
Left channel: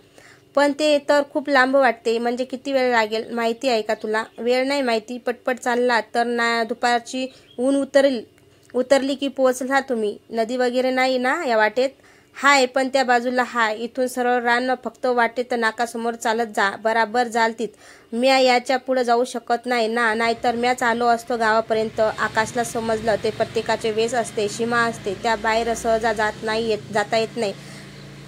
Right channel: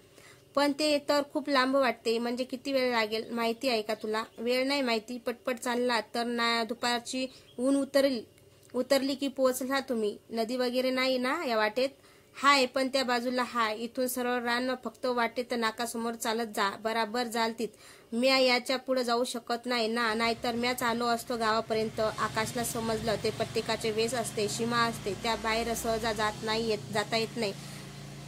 पण ते तर खूप लांब वाटते. म्हणजे किती वेळ लागेल माहिती आहे का तुला? वेळ नाही माहिती. पटपट चालला तर ना दुपारची ऊन उतरली की पोहोचला तुम्ही. नदी वगैरे नाही ना या वाटेत? हाय, पण त्या बाजूला हाय. इथून सरळ रान, फक्त वाटेत नाकासमोर चालत जा. बराबर जाल तीत. म्या याच्या पुढे जाऊ शकत नाही ना, नाहीतर म्याच आलो असतो गावापर्यंत. आकाशला समजलं ते प्रत्येकाचे वेस असते, सीमा असते, त्या बाहेर सहजा जाता येत नाही.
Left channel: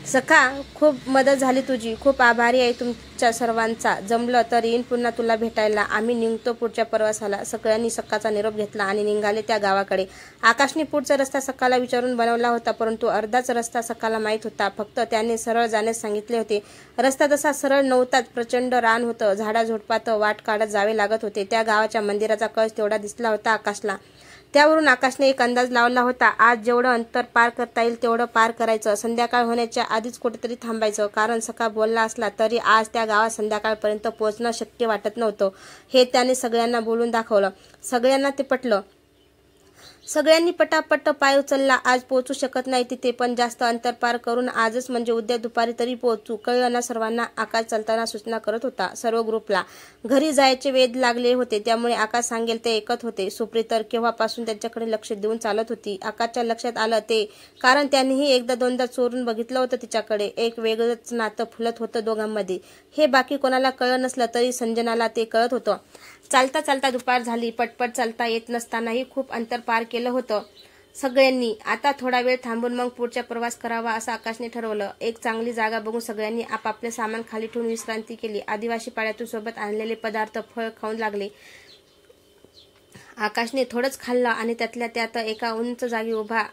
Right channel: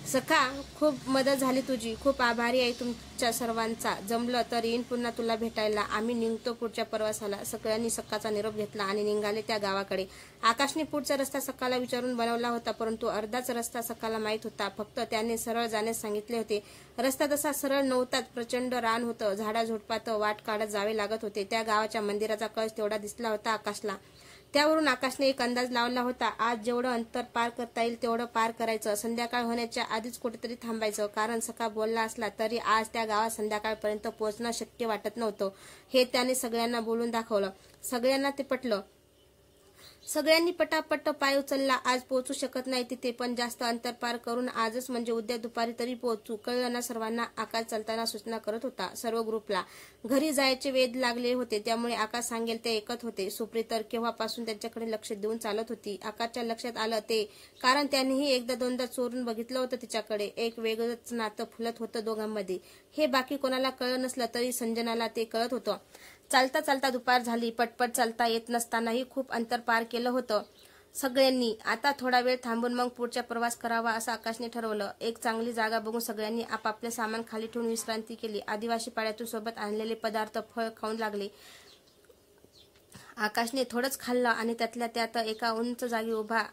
सखा, खूप मदत झाली तुझी. खूप आभारी आहे तुमच्या सर्वांचा. जमलं तर येईन पुन्हा तुला भेटायला. आम्ही निघतो पुढच्या प्रवासाला. सगळ्यांनी सखाचा निरोप घेतला आणि निघाले त्या गावाकडे. आकाशने पुढचा रस्ता सखाला विचारून बनवला होता, परंतु अर्धाच रस्ता सखाला माहीत होता. फक्त त्याने सरळ जाण्यास सांगितले होते. रस्ता तसा सरळ नव्हताच. प्रचंड रान होतं. झाडाझुडपात वाट काढत जावे लागत होते. त्या गावाच्या मंदिराचा कळस तेवढा दिसला होता आकाशला. त्यावरून आकाशने एक अंदाज लावला होता. आज जेवढं अंतर पार करता येईल तेवढं पार करायचं. संध्याकाळ होण्याच्या आधीच कुठेतरी थांबायचं. कारण सखा बोलला असला तरी आज त्या गावात संध्याकाळपर्यंत पोहोचणं शक्य वाटत नव्हतं. हे त्याने सगळ्यांना बोलून दाखवलं. सगळ्यांना ते पटलं. सगळ्यांनी पटापट पाय उचलला. आज पोहोचू शकत नाही तिथे, पण जास्त अंतर पार करून आजच म्हणजे उद्या दुपारी तरी पोहोचू. कळलं ना सर्वांना? आकाश चालताना सूचना करत होता सर्व ग्रुपला. घरी जायचे वेध लागले होते, त्यामुळे आकाश सांगेल ते ऐकत होते. सुप्री तर केव्हापासून त्यांच्याकडे लक्ष देऊन चालत होती. आकाशच्या लक्षात आलं ते कारण त्यांनीही एकदा दोनदा चोरून बघितलं होतं तिच्याकडे. एक वेगळंच नातं फुलत होतं दोघांमध्ये. हे बाकी कोणाला कळलं नसलं तरी संजनाला ते कळत होतं. चालता चालता दुपार झाली. पटपट चालता येत नसतानाही खूप अंतर पार केलं होतं सगळ्यांनी. आता थोडा वेळ थांबून मग पुढचा प्रवास करावा असं आकाशने ठरवलं. एक चांगली जागा बघून सगळ्यांनी आपापले सामान खाली ठेवून विश्रांती केली. आदिवासी पाड्यातून सोबत आणलेले पदार्थ, फळ खाऊन लागले. आकाशने थोडंच खाल्लं आणि त्यातल्या त्यात एका उंच जागी उभा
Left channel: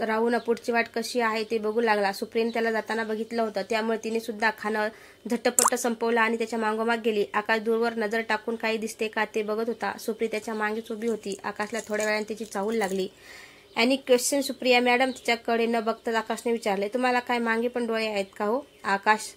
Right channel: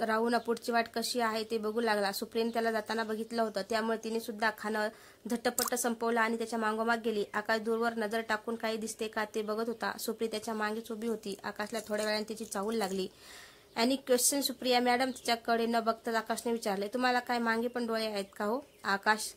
राहून पुढची वाट कशी आहे ते बघू लागला. सुप्रीने त्याला जाताना बघितलं होतं, त्यामुळे तिने सुद्धा खाणं झटपट संपवलं आणि त्याच्या मागोमाग गेली. आकाश दूरवर नजर टाकून काही दिसते का ते बघत होता. सुप्री त्याच्या मागेच उभी होती. आकाशला थोड्या वेळाने त्याची चाहूल लागली. Any question Supriya madam? तिच्याकडे न बघताच आकाशने विचारले. तुम्हाला काय मागे पण डोळे आहेत का हो? आकाश,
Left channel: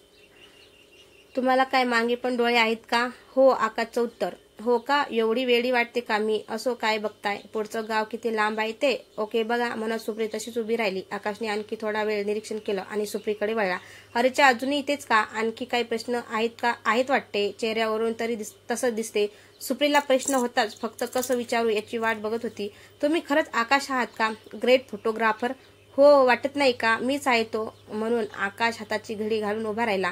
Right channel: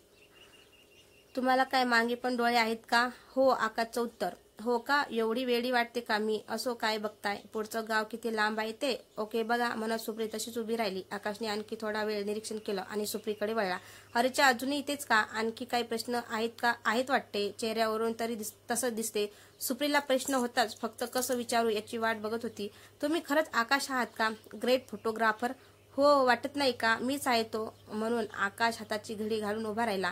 तुम्हाला काय मागे पण डोळे आहेत का? हो, आकाशचं उत्तर. हो का? एवढी वेडी वाटते का मी? असो, काय बघताय? पुढचं गाव किती लांब आहे ते? ओके बघा, म्हणत सुप्री तशीच उभी राहिली. आकाशने आणखी थोडा वेळ निरीक्षण केलं आणि सुप्रीकडे वळला. अरेच्या, अजूनही इथेच का? आणखी काही प्रश्न आहेत का? आहेत वाटते, चेहऱ्यावरून तरी तसंच दिसते. सुप्रीला प्रश्न होताच, फक्त कसं विचारू याची वाट बघत होती. तुम्ही खरंच आकाश आहात का? Great photographer? हो, वाटत नाही का? मीच आहे तो. म्हणून आकाश हाताची घडी घालून उभा राहिला.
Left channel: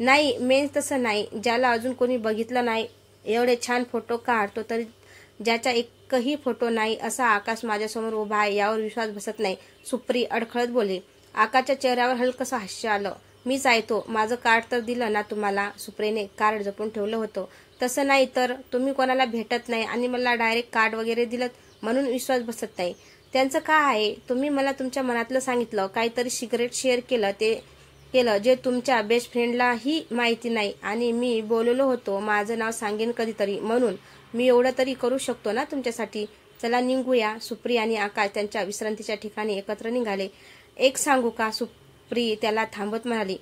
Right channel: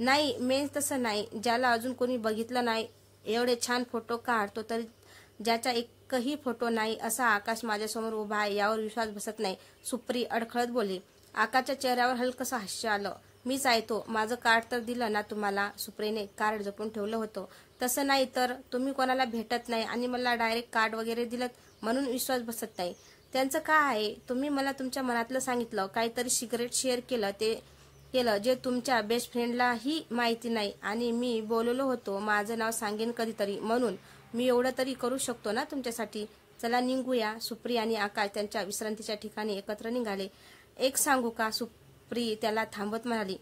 नाही, मेन तसं नाही, ज्याला अजून कोणी बघितलं नाही. एवढे छान फोटो काढतो तरी ज्याचा एकही फोटो नाही असा आकाश माझ्यासमोर उभा आहे यावर विश्वास बसत नाही. सुप्री अडखळत बोलली. आकाशच्या चेहऱ्यावर हलकसं हास्य आलं. मीच आहे तो. माझं कार्ड तर दिलं ना तुम्हाला? सुप्रीने कार्ड जपून ठेवलं होतं. तसं नाही तर? तुम्ही कोणाला भेटत नाही आणि मला डायरेक्ट कार्ड वगैरे दिलं म्हणून विश्वास बसत नाही. त्यांचं काय आहे? तुम्ही मला तुमच्या मनातलं सांगितलं, काहीतरी सिक्रेट शेअर केलं जे तुमच्या बेस्ट फ्रेंडलाही माहिती नाही. आणि मी बोललो होतो माझं नाव सांगेन कधीतरी, म्हणून मी एवढं तरी करू शकतो ना तुमच्यासाठी. चला निघूया. सुप्री आणि आकाश त्यांच्या विश्रांतीच्या ठिकाणी एकत्र निघाले. एक सांगू का? सुप्री त्याला थांबत म्हणाली.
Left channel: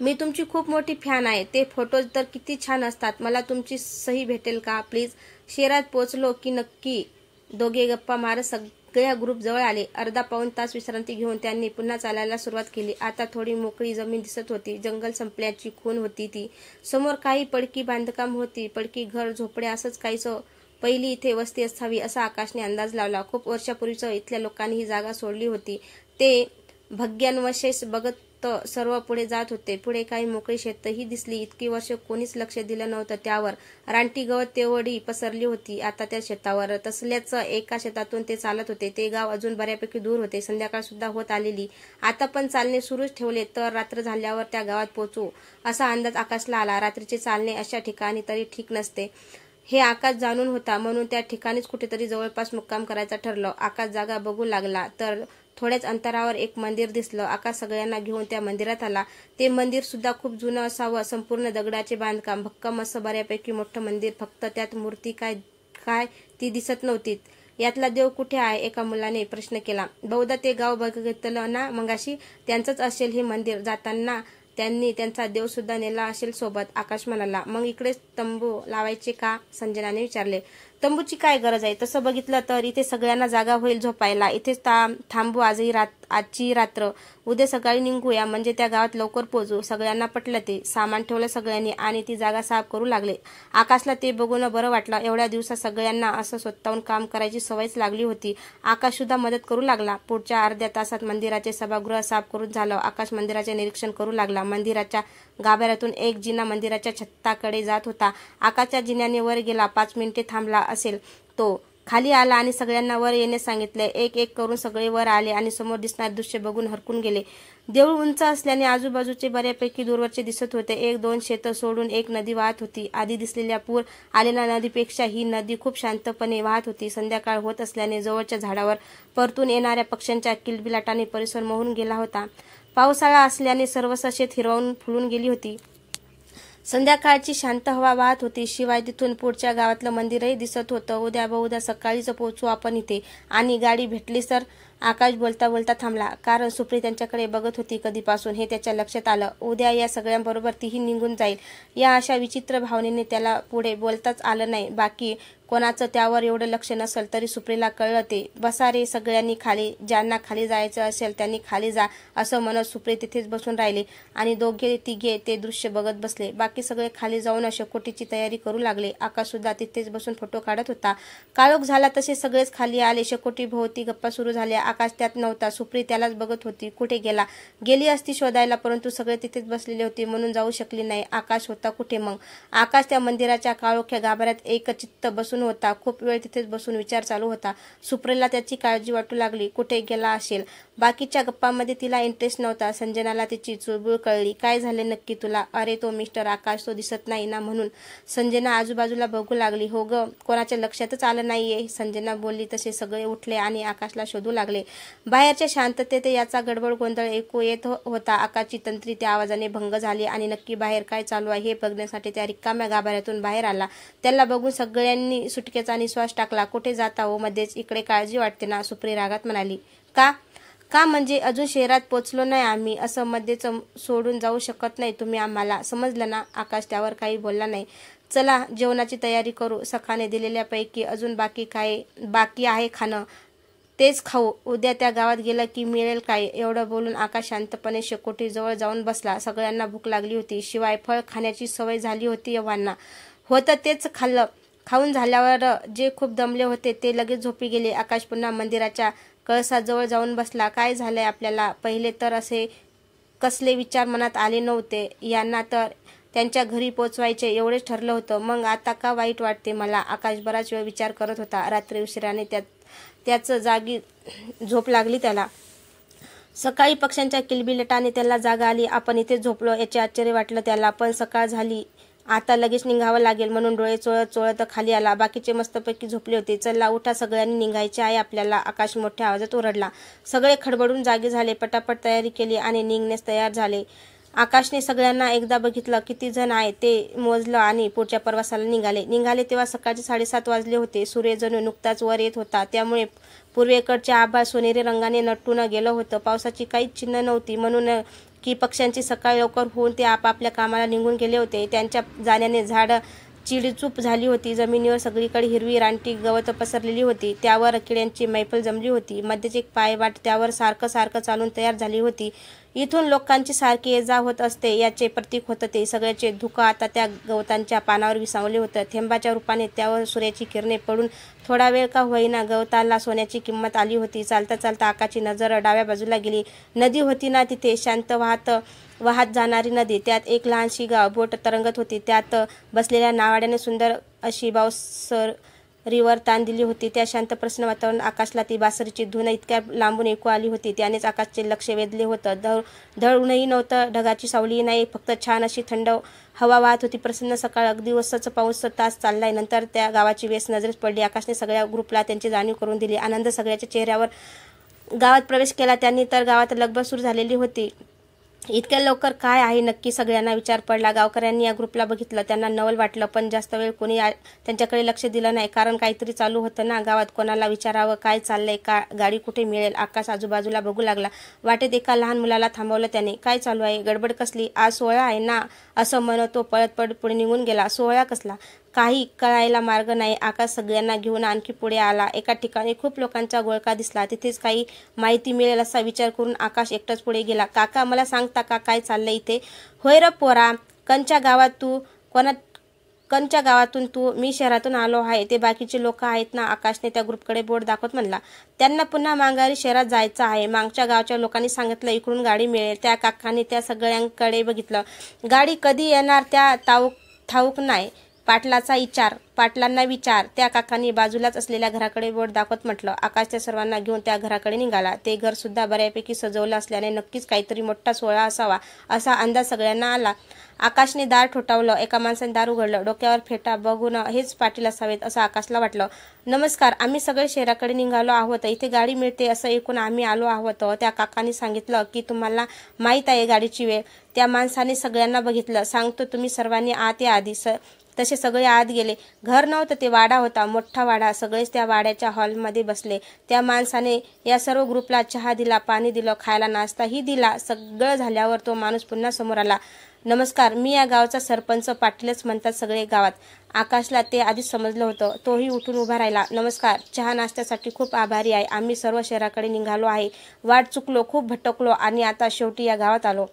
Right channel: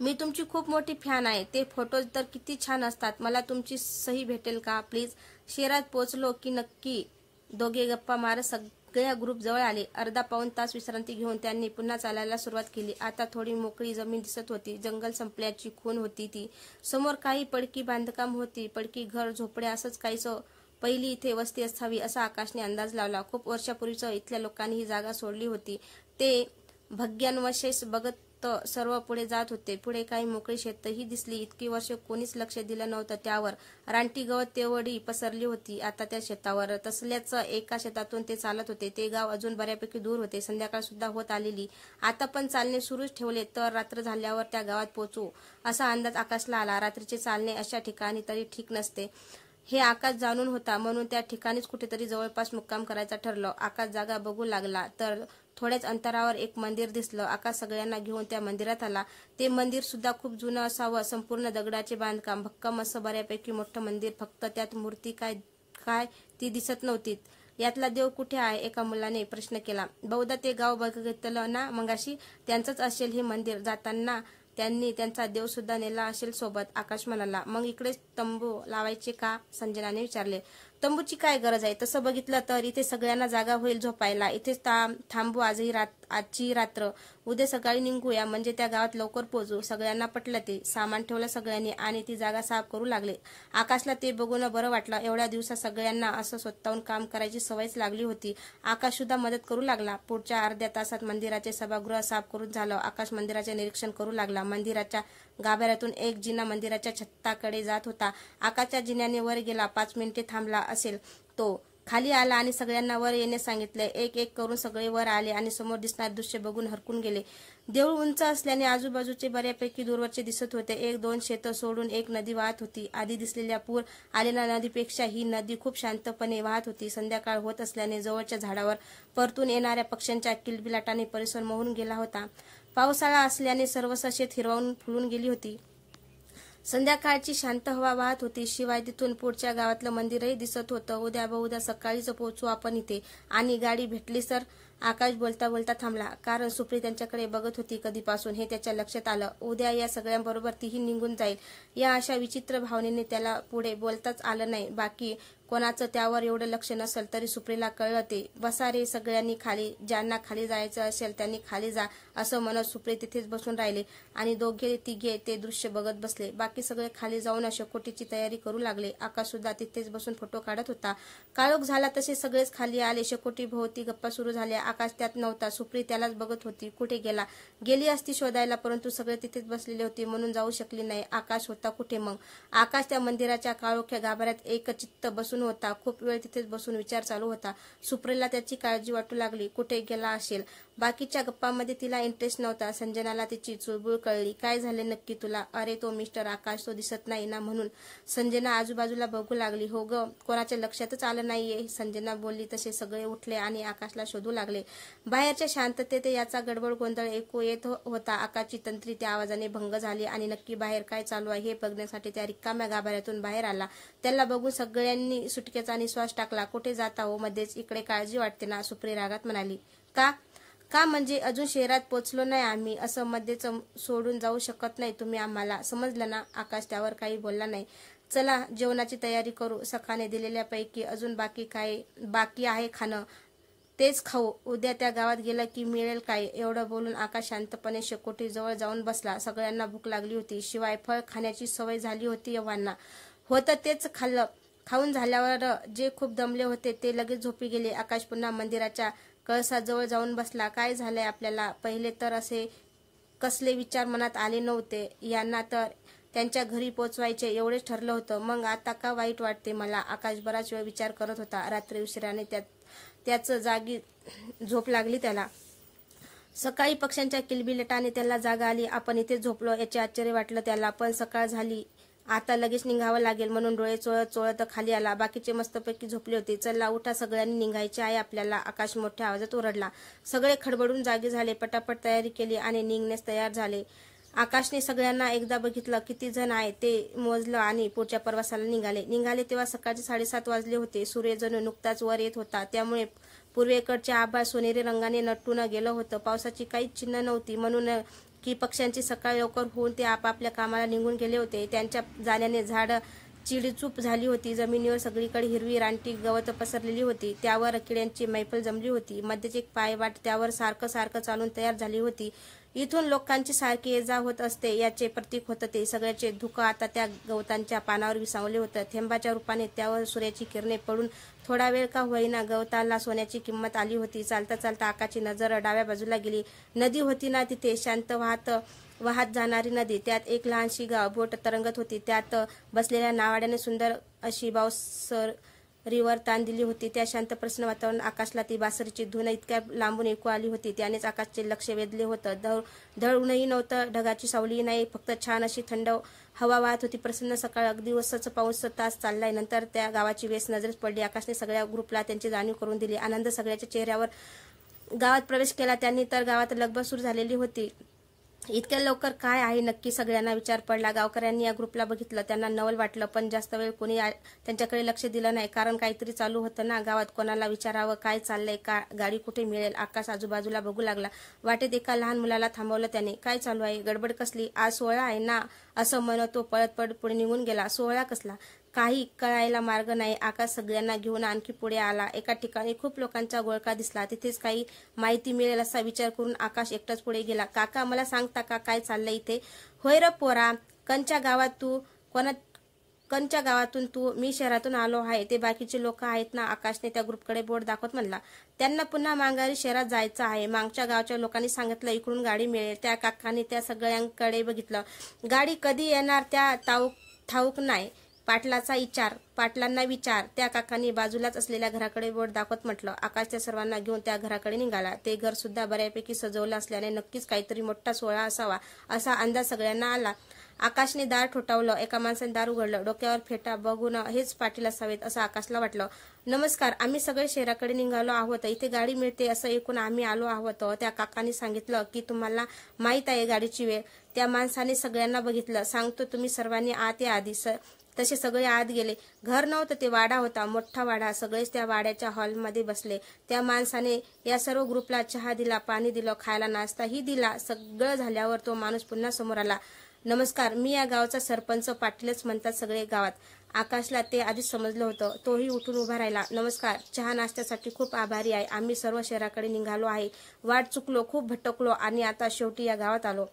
मी तुमची खूप मोठी फॅन आहे. ते फोटोज तर किती छान असतात. मला तुमची सही भेटेल का प्लीज? शहरात पोहोचलो की नक्की. दोघे गप्पा मारत सगळ्या ग्रुप जवळ आले. अर्धा पाऊण तास विश्रांती घेऊन त्यांनी पुन्हा चालायला सुरुवात केली. आता थोडी मोकळी जमीन दिसत होती. जंगल संपल्याची खूण होती ती. समोर काही पडकी बांधकाम होती. पडकी घर, झोपड्या असंच काहीसं. पहिली इथे वस्ती असावी असा आकाशने अंदाज लावला. खूप वर्षापूर्वीच इथल्या लोकांनी ही जागा सोडली होती. ते भाग्यान्वशेष बघत सर्व पुढे जात होते. पुढे काही मोकळी शेतही दिसली. इतकी वर्ष कोणीच लक्ष दिलं नव्हतं त्यावर. रानटी गवत तेवढी पसरली होती आता त्या शेतावर. तसल्याच एका शेतातून ते चालत होते. ते गाव अजून बऱ्यापैकी दूर होते. संध्याकाळ सुद्धा होत आलेली. आता पण चालणे सुरूच ठेवले तर रात्र झाल्यावर त्या गावात पोहोचू असा अंदाज आकाशला आला. रात्रीचे चालणे अशा ठिकाणी तरी ठीक नसते हे आकाश जाणून होता, म्हणून त्या ठिकाणीच कुठेतरी जवळपास मुक्काम करायचं ठरलं. आकाश जागा बघू लागला तर थोड्याच अंतरावर एक मंदिर दिसलं. आकाश सगळ्यांना घेऊन त्या मंदिरात आला. ते मंदिर सुद्धा खूप जुनं असावं. संपूर्ण दगडाचे बांधकाम, भक्कम असं बऱ्यापैकी मोठं मंदिर. फक्त त्यात मूर्ती काय ती दिसत नव्हती. यातला देव कुठे आहे? एका मुलाने प्रश्न केला. बहुधा ते गाव बघितलं ना मगाशी, त्यांचंच असेल हे मंदिर. जाताना त्यांनी त्यांचा देव सुद्धा नेला असेल सोबत, आकाश म्हणाला. मग इकडेच तंबू लावायचे का? संजनाने विचारले. तंबूची काय गरज आहे? तसं बघितलं तर इथे सगळ्यांना जागा होईल झोपायला. इथेच थांबू आजची रात्र. उद्या सकाळी निघूया, म्हणजे त्या गावात लवकर पोहोचू. सगळ्यांना पटलं ते. सामान ठेवलं सगळ्यांनी आणि ती जागा साफ करू लागले. आकाशला ते बघून बरं वाटलं. एवढ्या दिवसात सगळ्यांना असं स्वतःहून काम करायची सवयच लागली होती. आकाश सुद्धा मदत करू लागला. पुढच्या अर्ध्या तासात मंदिराचे सभागृह साफ करून झालं. आकाश मंदिराचे निरीक्षण करू लागला. मंदिराच्या गाभाऱ्यातून एक जिना मंदिराच्या छताकडे जात होता. आकाशच्या जिन्याने वर गेला. 5 मिनिटे थांबला असेल तो. खाली आला आणि सगळ्यांना वर येण्यास सांगितले. एक एक करून सगळे वर आले आणि समोर दिसणारे दृश्य बघून हरकून गेले. देऊळ उंच असल्याने आजूबाजूचे बऱ्यापैकी दूरवरचे दिसत होते. 1-2 शेतं सोडून एक नदी वाहत होती. आधी दिसलेल्या पूर आलेल्या नदीपेक्षा ही नदी खूप शांतपणे वाहत होती. संध्याकाळ होत असल्याने जवळच्या झाडावर परतून येणाऱ्या पक्ष्यांच्या किलबिलाटाने परिसर मोहून गेला होता. पावसाळा असल्याने सर्वच शेत हिरवून फुलून गेली होती. संध्याकाळची शांत हवा वाहत होती. शिवाय तिथून पुढच्या गावातलं मंदिरही दिसत होतं. उद्या बहुधा सकाळीच पोहोचू आपण इथे. आणि गाडी भेटली सर? आकाश बोलता बोलता थांबला, कारण सुप्री त्यांच्याकडे बघत होती कधीपासून हे त्याच्या लक्षात आलं. उद्या या सगळ्यांबरोबर तीही निघून जाईल. या अशा विचित्र भावनेने त्याला पुढे बोलताच आलं नाही. बाकी कोणाचं त्यावर एवढं लक्ष नसेल तरी सुप्रीला कळलं ते. बसा रे सगळ्यांनी खाली, ज्यांना खाली जायचं असेल त्यांनी खाली जा, असं म्हणत सुप्री तिथेच बसून राहिली आणि दोघे तिघे ते दृश्य बघत बसले. बाकी सगळे खाली जाऊन शेकोटीची तयारी करू लागले. आकाश सुद्धा तिथेच बसून फोटो काढत होता. काळोख झाला तसे सगळेच खाली आले. शेकोटी भोवती गप्पा सुरू झाल्या. आकाश त्यात नव्हता. सुप्री त्यालाच बघत होती. कुठे गेला? गेली असती शोधायला, परंतु सगळे तिथेच बसलेले होते म्हणून जाऊ शकली नाही. आकाश होता कुठे मग? आकाश त्या मंदिराच्या काळोख्या गाभाऱ्यात एकचित्त बसून होता. खूप वेळ तिथेच बसून विचार चालू होता. सुप्रीला त्याची काळजी वाटू लागली. कुठे गेला असेल? बाकीच्या गप्पांमध्ये तिला इंटरेस्ट नव्हता. संजनाला तिची चुळबुळ कळली. काय झाले नक्की तुला? अरे तो मिस्टर आकाश, तो दिसत नाही ना म्हणून. संजना आजूबाजूला बघू लागली. हो ग, कोणाच्या लक्षातच आलं नाहीये. संजना बोलली तसे सगळे उठले आणि आकाशला शोधू लागले. बाहेरच्या शांततेत याचा गडबड गोंधळ ऐकू येत होता. आकाशची तंत्री त्या आवाजाने भंग झाली आणि नक्की बाहेर काय चालू आहे हे बघण्यासाठी त्या रिकाम्या गाभाऱ्यातून बाहेर आला. त्याला बघून सगळ्यांनी सुटकेचा निश्वास टाकला. कुठे जाता हो मध्येच? इकडे काळजी वाटते ना, सुप्री रागात म्हणाली. का म्हणजे अजून शहरात पोचलो नाही आम्ही, असं मध्येच सोडून जाऊ शकत नाही तुम्ही आम्हाला, समजलं ना? आकाश त्यावर काही बोलला नाही. चला जेवणाची तयारी करू. सखाने दिलेल्यापैकी अजून बाकी आहे खाणं, तेच खाऊ. उद्या त्या गावात गेलं की मिळेल काय? एवढं बोलून आकाश शांतपणे शेकोटी जवळ जाऊन बसला. सगळ्यांना भूक लागली होती. शिवाय फळ खाण्याची सवय झाली होती एव्हांना. होतं तेच खाल्लं. खाऊन झाल्यावर जे खूप दमले होते ते लगेच झोपी गेले. आकाश पुन्हा मंदिराच्या कळसाजवळ जाऊन बसला. काय झालंय आपल्याला? पहिले तर असे कसले विचार मनात आले नव्हते. यांना तर त्यांच्या घरी पोचवायचे एवढेच ठरलं होतं. मग आता का वाईट वाटते मला? आकाश बराच वेळ विचार करत होता. रात्री उशिराने त्याच जागी झोप लागली त्याला. सकाळी पक्ष्यांच्या किलबिलाटाने त्याला जाग आली. आपण इथेच झोपलो याचे आश्चर्य वाटलं त्याला. पण सकाळ झाली, आता लगेच निघावं लागेल म्हणून डोळे चोळत खाली आला. बाकीचे मस्तपैकी झोपले होते. चला उठा, सगळ्यांनी निघायचे आहे आपल्याला, आकाश मोठ्या आवाजात ओरडला. सगळे खडबडून जागे झाले. पटापट तयारी केली आणि निघण्यास तयार झाले. आकाशने सगळ्यांना एकदा बघितलं. किती जण आहे ते मोजलं आणि पुढच्या प्रवासाला निघाले तेव्हा सकाळचे 7:30 वाजले होते. सूर्य जणू नुकताच वर येत होता. त्यामुळे पूर्वेकडचे आभाळ सोनेरी रंगाने नटून गेलं होतं. पावसाची काहीच चिन्ह नव्हती, म्हणून की पक्ष्यांची सकाळ लवकर होऊन ते आपापल्या कामाला निघून गेले होते. त्यांच्या जाण्याने झाडं चिडीचूप झाली होती. जमिनीवर सगळीकडे हिरवी रानटी गवत पसरलेली होती. त्यावर किड्यांची मैफल जमली होती. मध्येच एक पायवाट त्यावर सारखं चालून तयार झाली होती. इथून लोकांची सारखी ये जा होत असते याचे प्रतीक होतं ते. सगळ्याचे धुकं आता त्या गवतांच्या पानावर विसावले होतं. थेंबाच्या रूपाने त्यावर सूर्याची किरणे पडून थोडा वेळ का होईना गवताला सोन्याची किंमत आली होती. चालता चालता आकाशची नजर डाव्या बाजूला गेली. नदी होती ना तिथे, शांत वाहत जाणारी नदी. त्यात एक लहानशी बोट तरंगत होती. त्यात बसलेल्या नावाड्याने सुंदर अशी बासरीवर ताण दिली होती. त्या शांत प्रसन्न वातावरणात आकाशला ती बासरीची धून इतक्या लांबून ऐकू आली होती. त्यानेच आकाशचे लक्ष वेधले होतं. धड ऊनही नव्हतं, ढगाची सावलीही नाही, फक्त छान अशी थंड हवा वाहत होती. प्रसन्न सकाळ. अगदी वसच पाऊस तास चाललाय. नंतर त्या गावाची वेस नजरेस पडली. आकाशने सगळ्या ग्रुपला त्यांची जाणीव करून दिली. आनंद सगळ्याच्या चेहऱ्यावर. गावात प्रवेश केला त्यांनी तर गावात लगबग सुरू झालेली होती. इतक्या लवकर काय आहे नक्की, सगळ्यांना विचार पडला. गावकऱ्यांनी या ग्रुपला बघितलं. त्यांना नवल वाटलं, पण जास्त वेळ कोणी त्यांच्याकडे लक्ष दिलं नाही, कारण काहीतरी चालू होतं ना गावात. कोणाला विचारावं काय चाललंय, गाडी कुठे मिळेल? आकाश आजूबाजूला बघू लागला. वाटेत एका लहान मुलाला थांबवलं त्याने. काय चालू आहे? गडबड कसली? आज सोहळा आहे ना, असं म्हणत तो पळत पुढे निघून गेला. सोहळा कसला? काही कळायला मार्ग नाही. आकाश सगळ्यांना घेऊन आणखी पुढे आला. एका ठिकाणी खूप लोकांचा गोळका दिसला. तिथेच काही माहिती मिळेल असा विचार करून आकाश एकटाच पुढे गेला. काका, मला सांगता का काय चाललंय इथे? होय र पोरा, कंच्या गावातून तू? मी शहरातून आलो आहे. ते बाकीचे लोक आहेत ना? आकाशने त्या ग्रुपकडे बोट दाखवत म्हणला. त्यांना पुन्हा माघारी शहरात जायचं आहे. मागच्या गावच्या लोकांनी सांगितलं इकडून गाडी मिळेल. त्या काकांनी त्या सगळ्यांकडे बघितलं. गाडी कधी येणार त्या ठाऊक नाही. पाटलांना विचार. त्या काकांनी बाजूलाच असलेल्या घराकडे बोट दाखवत म्हटलं. आकाश त्या सर्वांना घेऊन त्या घराकडे निघाला. ते घर सुद्धा बऱ्यापैकी सजवलं असल्याने नक्कीच काहीतरी मोठा सोहळा असावा असा अंदाज सगळ्यांना आला. आकाशने दार ठोठावलं. एका माणसाने दार उघडलं. डोक्यावर फेटा बघून हेच पाटील असावेत असं आकाशला वाटलं. नमस्कार, आम्ही सगळे शहराकडे निघालो आहोत. इथे गाडी मिळते असं ऐकून आम्ही आलो आहोत. त्या काकांनी सांगितलं की तुम्हाला माहीत आहे गाडीची वेळ. त्या माणसाने सगळ्यांना बघितलं. सांगतो तुम्ही सर्वांनी आत या आधी. तसे सगळे आत गेले. घर नव्हतं, ते वाडा होता, मोठा वाडा. सगळेच त्या वाड्याच्या हॉलमध्ये बसले. त्या माणसाने या सर्व ग्रुपला चहा दिला, पाणी दिलं, खायला नाश्ताही दिला. सगळं झाल्यावर तो माणूस पुन्हा समोर आला. नमस्कार, मी या गावचा सरपंच. पाटीलच म्हणतात सगळे गावात. आकाशला ते आधीच समजलं होतं. तोही उठून उभा राहिला. नमस्कार, चहा नाश्त्यासाठी खूप आभारी आहे. आम्ही सर्व शहराकडे निघालो आहे. वाट चुकलो, खूप भटकलो आणि आता शेवटी या गावात आलो.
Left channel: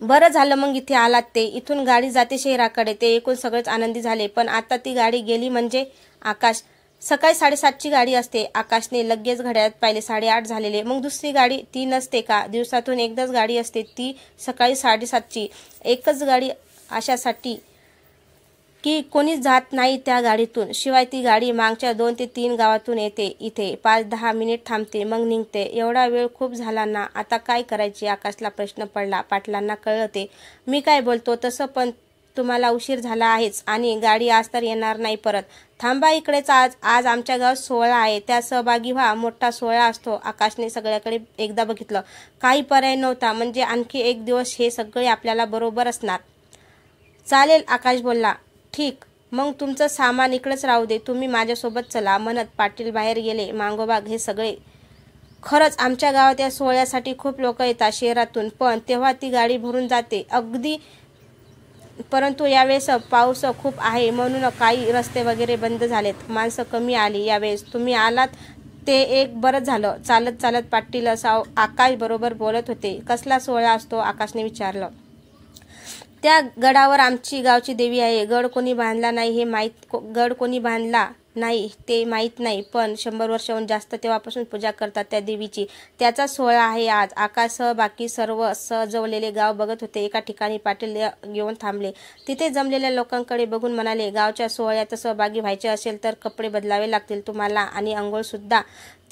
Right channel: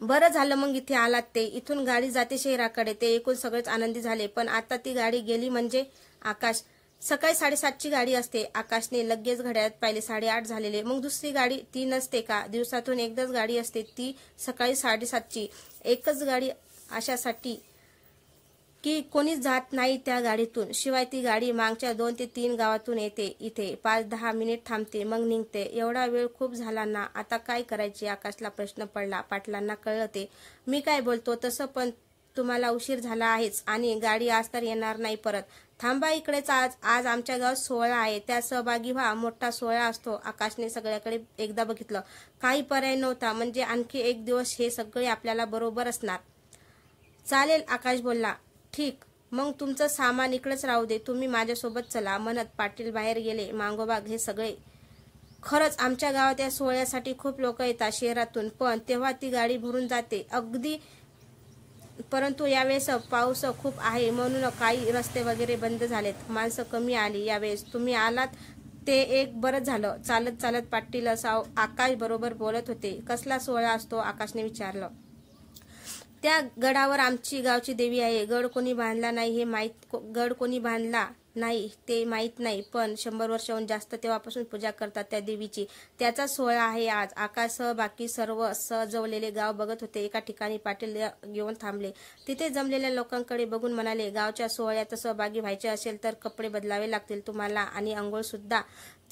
बरं झालं मग इथे आलात ते. इथून गाडी जाते शहराकडे. ते ऐकून सगळेच आनंदी झाले. पण आता ती गाडी गेली म्हणजे? आकाश, सकाळी 7:30ची गाडी असते. आकाशने लगेच घड्याळात पाहिले. 8:30 झालेले. मग दुसरी गाडी ती नसते का? दिवसातून एकदाच गाडी असते, ती सकाळी 7:30ची. एकच गाडी अशासाठी की कोणीच जात नाही त्या गाडीतून. शिवाय ती गाडी मागच्या 2 ते 3 गावातून येते. इथे 5-10 मिनिट थांबते, मग निघते. एवढा वेळ खूप झाला ना, आता काय करायचे? आकाशला प्रश्न पडला. पाटलांना कळलं ते. मी काय बोलतो तसं, पण तुम्हाला उशीर झाला आहेच आणि गाडी आज तर येणार नाही परत. थांबा इकडेच. आज आमच्या गावात सोहळा आहे, त्या सहभागी व्हा. मोठा सोहळा असतो. आकाशने सगळ्याकडे एकदा बघितलं. काही पर्याय नव्हता. म्हणजे आणखी एक दिवस हे सगळे आपल्याला बरोबर असणार. चालेल, आकाश बोलला. ठीक, मग तुमचं सामान इकडेच राहू दे. तुम्ही माझ्यासोबत चला. म्हणत पाटील बाहेर गेले. मागोमाग हे सगळे. खरंच आमच्या गावात या सोहळ्यासाठी खूप लोक येतात शहरातून, पण तेव्हा ती गाडी भरून जाते अगदी. परंतु यावेळेस पाऊस खूप आहे म्हणून काही रस्ते वगैरे बंद झालेत. माणसं कमी आली. यावेळेस तुम्ही आलात ते एक बरं झालं. चालत चालत पाटील आकाश बरोबर बोलत होते. कसला सोहळा असतो? आकाशने विचारलं. त्या गडावर आमची गावची देवी आहे. गड कोणी बांधला नाही ते माहीत नाही, पण 100 वर्षाहून जास्त तेव्हापासून पूजा करतात त्या देवीची. त्याचा सोहळा आहे आज. आकाशसह बाकी सर्व सजवलेले गाव बघत होते. एका ठिकाणी पाटील येऊन थांबले. तिथे जमलेल्या लोकांकडे बघून म्हणाले, गावच्या सोहळ्यात सहभागी व्हायचे असेल तर कपडे बदलावे लागतील तुम्हाला आणि अंघोळ सुद्धा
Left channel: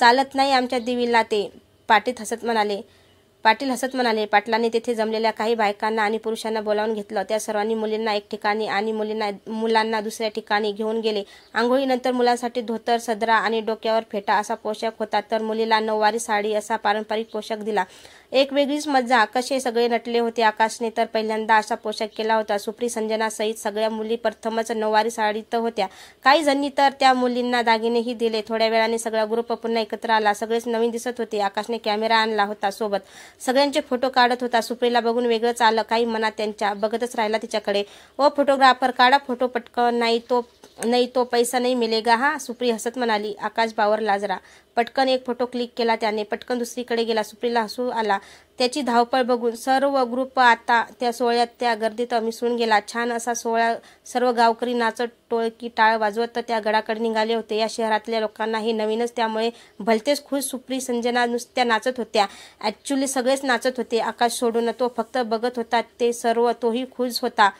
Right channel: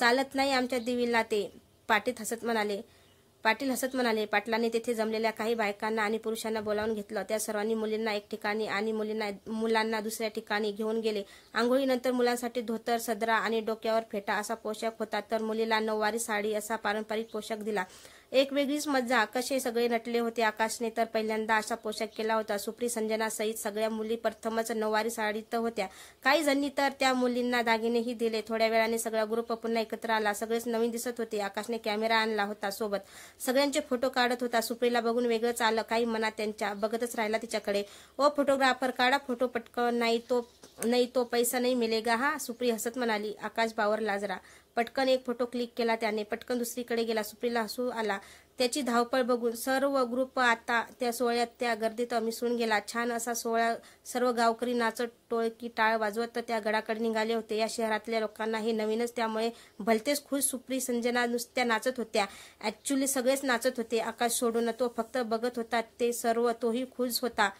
चालत नाही आमच्या देवीला ते. पाटील हसत म्हणाले. पाटलांनी तेथे जमलेल्या काही बायकांना आणि पुरुषांना बोलावून घेतलं. त्या सर्वांनी मुलींना एक ठिकाणी आणि मुलांना दुसऱ्या ठिकाणी घेऊन गेले. आंघोळीनंतर मुलांसाठी धोतर, सदरा आणि डोक्यावर फेटा असा पोशाख होता, तर मुलीला नऊवारी साडी असा पारंपरिक पोशाख दिला. एक वेगळीच मजा. कसे सगळे नटले होते. आकाशने तर पहिल्यांदा असा पोशाख केला होता. सुप्री, संजना सहित सगळ्या मुली प्रथमच नऊवारी साडीत होत्या. काही जणी तर त्या मुलींना दागिनेही दिले. थोड्या वेळाने सगळा ग्रुप पुन्हा एकत्र आला. सगळेच नवीन दिसत होते. आकाशने कॅमेरा आणला होता सोबत. सगळ्यांचे फोटो काढत होता. सुप्रीला बघून वेगळंच आलं. काही मनात त्यांच्या बघतच राहिला तिच्याकडे. ओ फोटोग्राफर, काढा फोटो पटकन. नाही तो पैसा नाही मिलेगा हा. सुप्री हसत म्हणाली. आकाश बावरला जरा. पटकन एक फोटो क्लिक केला त्याने. पटकन दुसरीकडे गेला. सुप्रीला हसू आला. त्याची धावपळ बघून सर्व ग्रुप आता त्या सोहळ्यात त्या गर्दीत मिसळून गेला. छान असा सोहळा. सर्व गावकरी नाचत, टोळकी टाळ वाजवत त्या गडाकडे निघाले होते. या शहरातल्या लोकांना हे नवीनच, त्यामुळे भलतेच खुश. सुप्री, संजना नुसत्या नाचत होत्या. ऍक्च्युली सगळेच नाचत होते, आकाश सोडून. तो फक्त बघत होता ते सर्व. तोही खुश होता.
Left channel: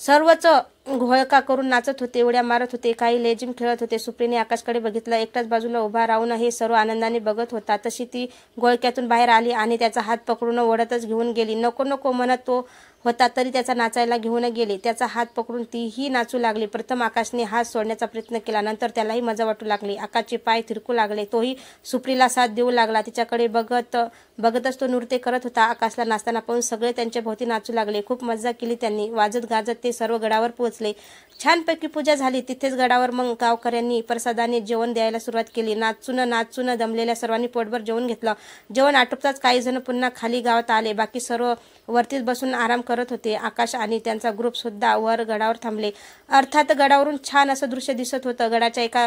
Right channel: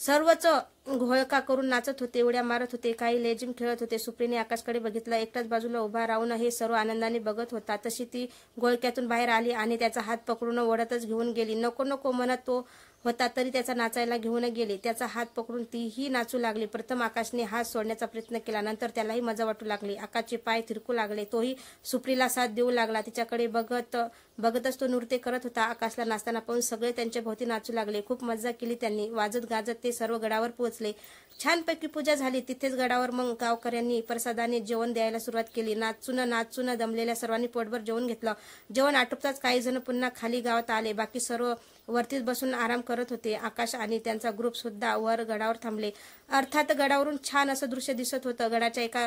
सर्वच घोळका करून नाचत होते, उड्या मारत होते, काही लेझिम खेळत होते. सुप्रीने आकाशकडे बघितलं. एकटाच बाजूला उभा राहून हे सर्व आनंदाने बघत होता. तशी ती घोळक्यातून बाहेर आली आणि त्याचा हात पकडून ओढतच घेऊन गेली. नको नको म्हणत तो होता तरी त्याचा नाचायला घेऊन गेली. त्याचा हात पकडून तीही नाचू लागली. प्रथम आकाशने हात सोडण्याचा प्रयत्न केला. नंतर त्यालाही मजा वाटू लागली. आकाशचे पाय थिरकू लागले. तोही सुप्रीला साथ देऊ लागला. तिच्याकडे बघतच तो नृत्य करत होता. आकाशला नाचताना पाहून सगळे त्यांच्या भोवती नाचू लागले. खूप मजा केली त्यांनी. वाजत गाजत ते सर्व गडावर पोहोचले. छानपैकी पूजा झाली. तिथेच गडावर मग गावकऱ्यांनी प्रसादाने जेवण द्यायला सुरुवात केली. नाचून दमलेल्या सर्वांनी पोटभर जेवण घेतलं. जेवण आटोपताच काही जण पुन्हा खाली गावात आले. बाकी सर्व वरतीच बसून आराम करत होते. आकाश आणि त्यांचा ग्रुप सुद्धा वर गडावर थांबले. अर्थात गडावरून छान असं दृश्य दिसत होतं. गडाच्या एका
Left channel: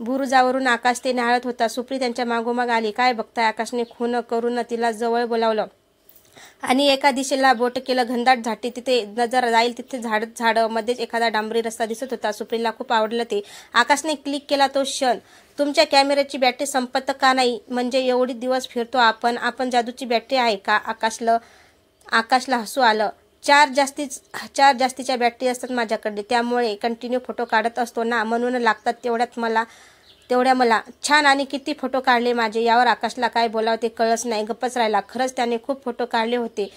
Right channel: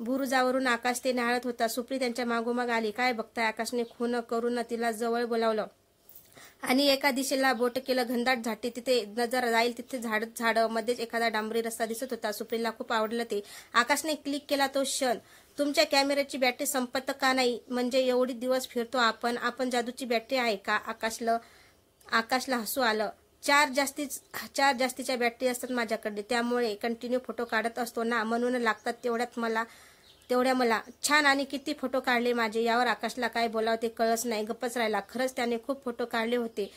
बुरुजावरून आकाश ते निहाळत होता. सुप्री त्यांच्या मागोमाग आली. काय बघताय? आकाशने खून करून तिला जवळ बोलावलं आणि एका दिशेला बोट केलं. घनदाट झाटी, तिथे नजर जाईल तिथे झाड मध्येच एखादा डांबरी रस्ता दिसत होता. सुप्रीला खूप आवडलं ते. आकाशने क्लिक केला तो क्षण. तुमच्या कॅमेऱ्याची बॅटरी संपत का नाही? म्हणजे एवढी दिवस फिरतो आपण जादूची बॅटरी आहे का? आकाशला हसू आलं. चार जास्तीच्या बॅटरी असतात माझ्याकडे, त्यामुळे कंटिन्यू फोटो काढत असतो ना, म्हणून लागतात तेवढ्या मला. छान. आणि किती फोटो काढले माझे? यावर आकाशला काय बोलावं ते कळलंच नाही. गप्पच राहिला. खरंच त्याने खूप फोटो काढले होते.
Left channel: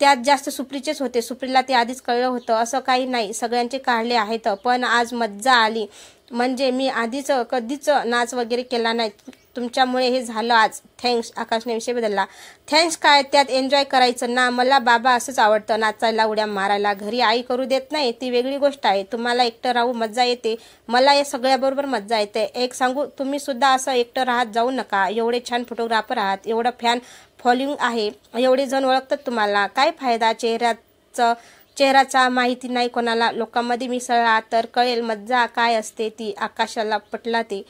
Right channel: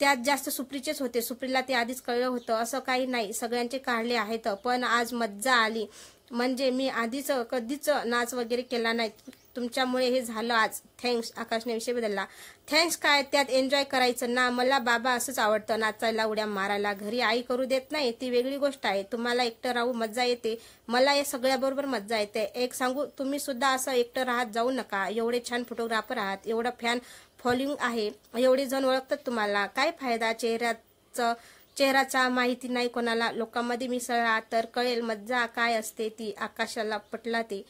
त्यात जास्त सुप्रीचेच होते. सुप्रीला ते आधीच कळलं होतं. असं काही नाही, सगळ्यांचे काढले आहेत. पण आज मज्जा आली. म्हणजे मी आधीच कधीच नाच वगैरे केला नाही. तुमच्यामुळे हे झालं आज. थँक्स. आकाशने विषय बदलला. थँक्स काय? त्यात एन्जॉय करायचं ना. मला बाबा असंच आवडतं, नाचायला, उड्या मारायला. घरी आई करू देत नाही, ती वेगळी गोष्ट आहे. तुम्हाला एकटं राहू मज्जा येते, मला या सगळ्याबरोबर मज्जा येते. एक सांगू, तुम्ही सुद्धा असं एकटं राहत जाऊ नका. एवढे छान फोटोग्राफर आहात, एवढं फॅन फॉलोइंग आहे, एवढे जण ओळखतात तुम्हाला. काय फायदा चेहऱ्याचा माहिती नाही कोणाला. लोकांमध्ये मिसळला तर कळेल मज्जा काय असते ती. आकाशाला पटला ते.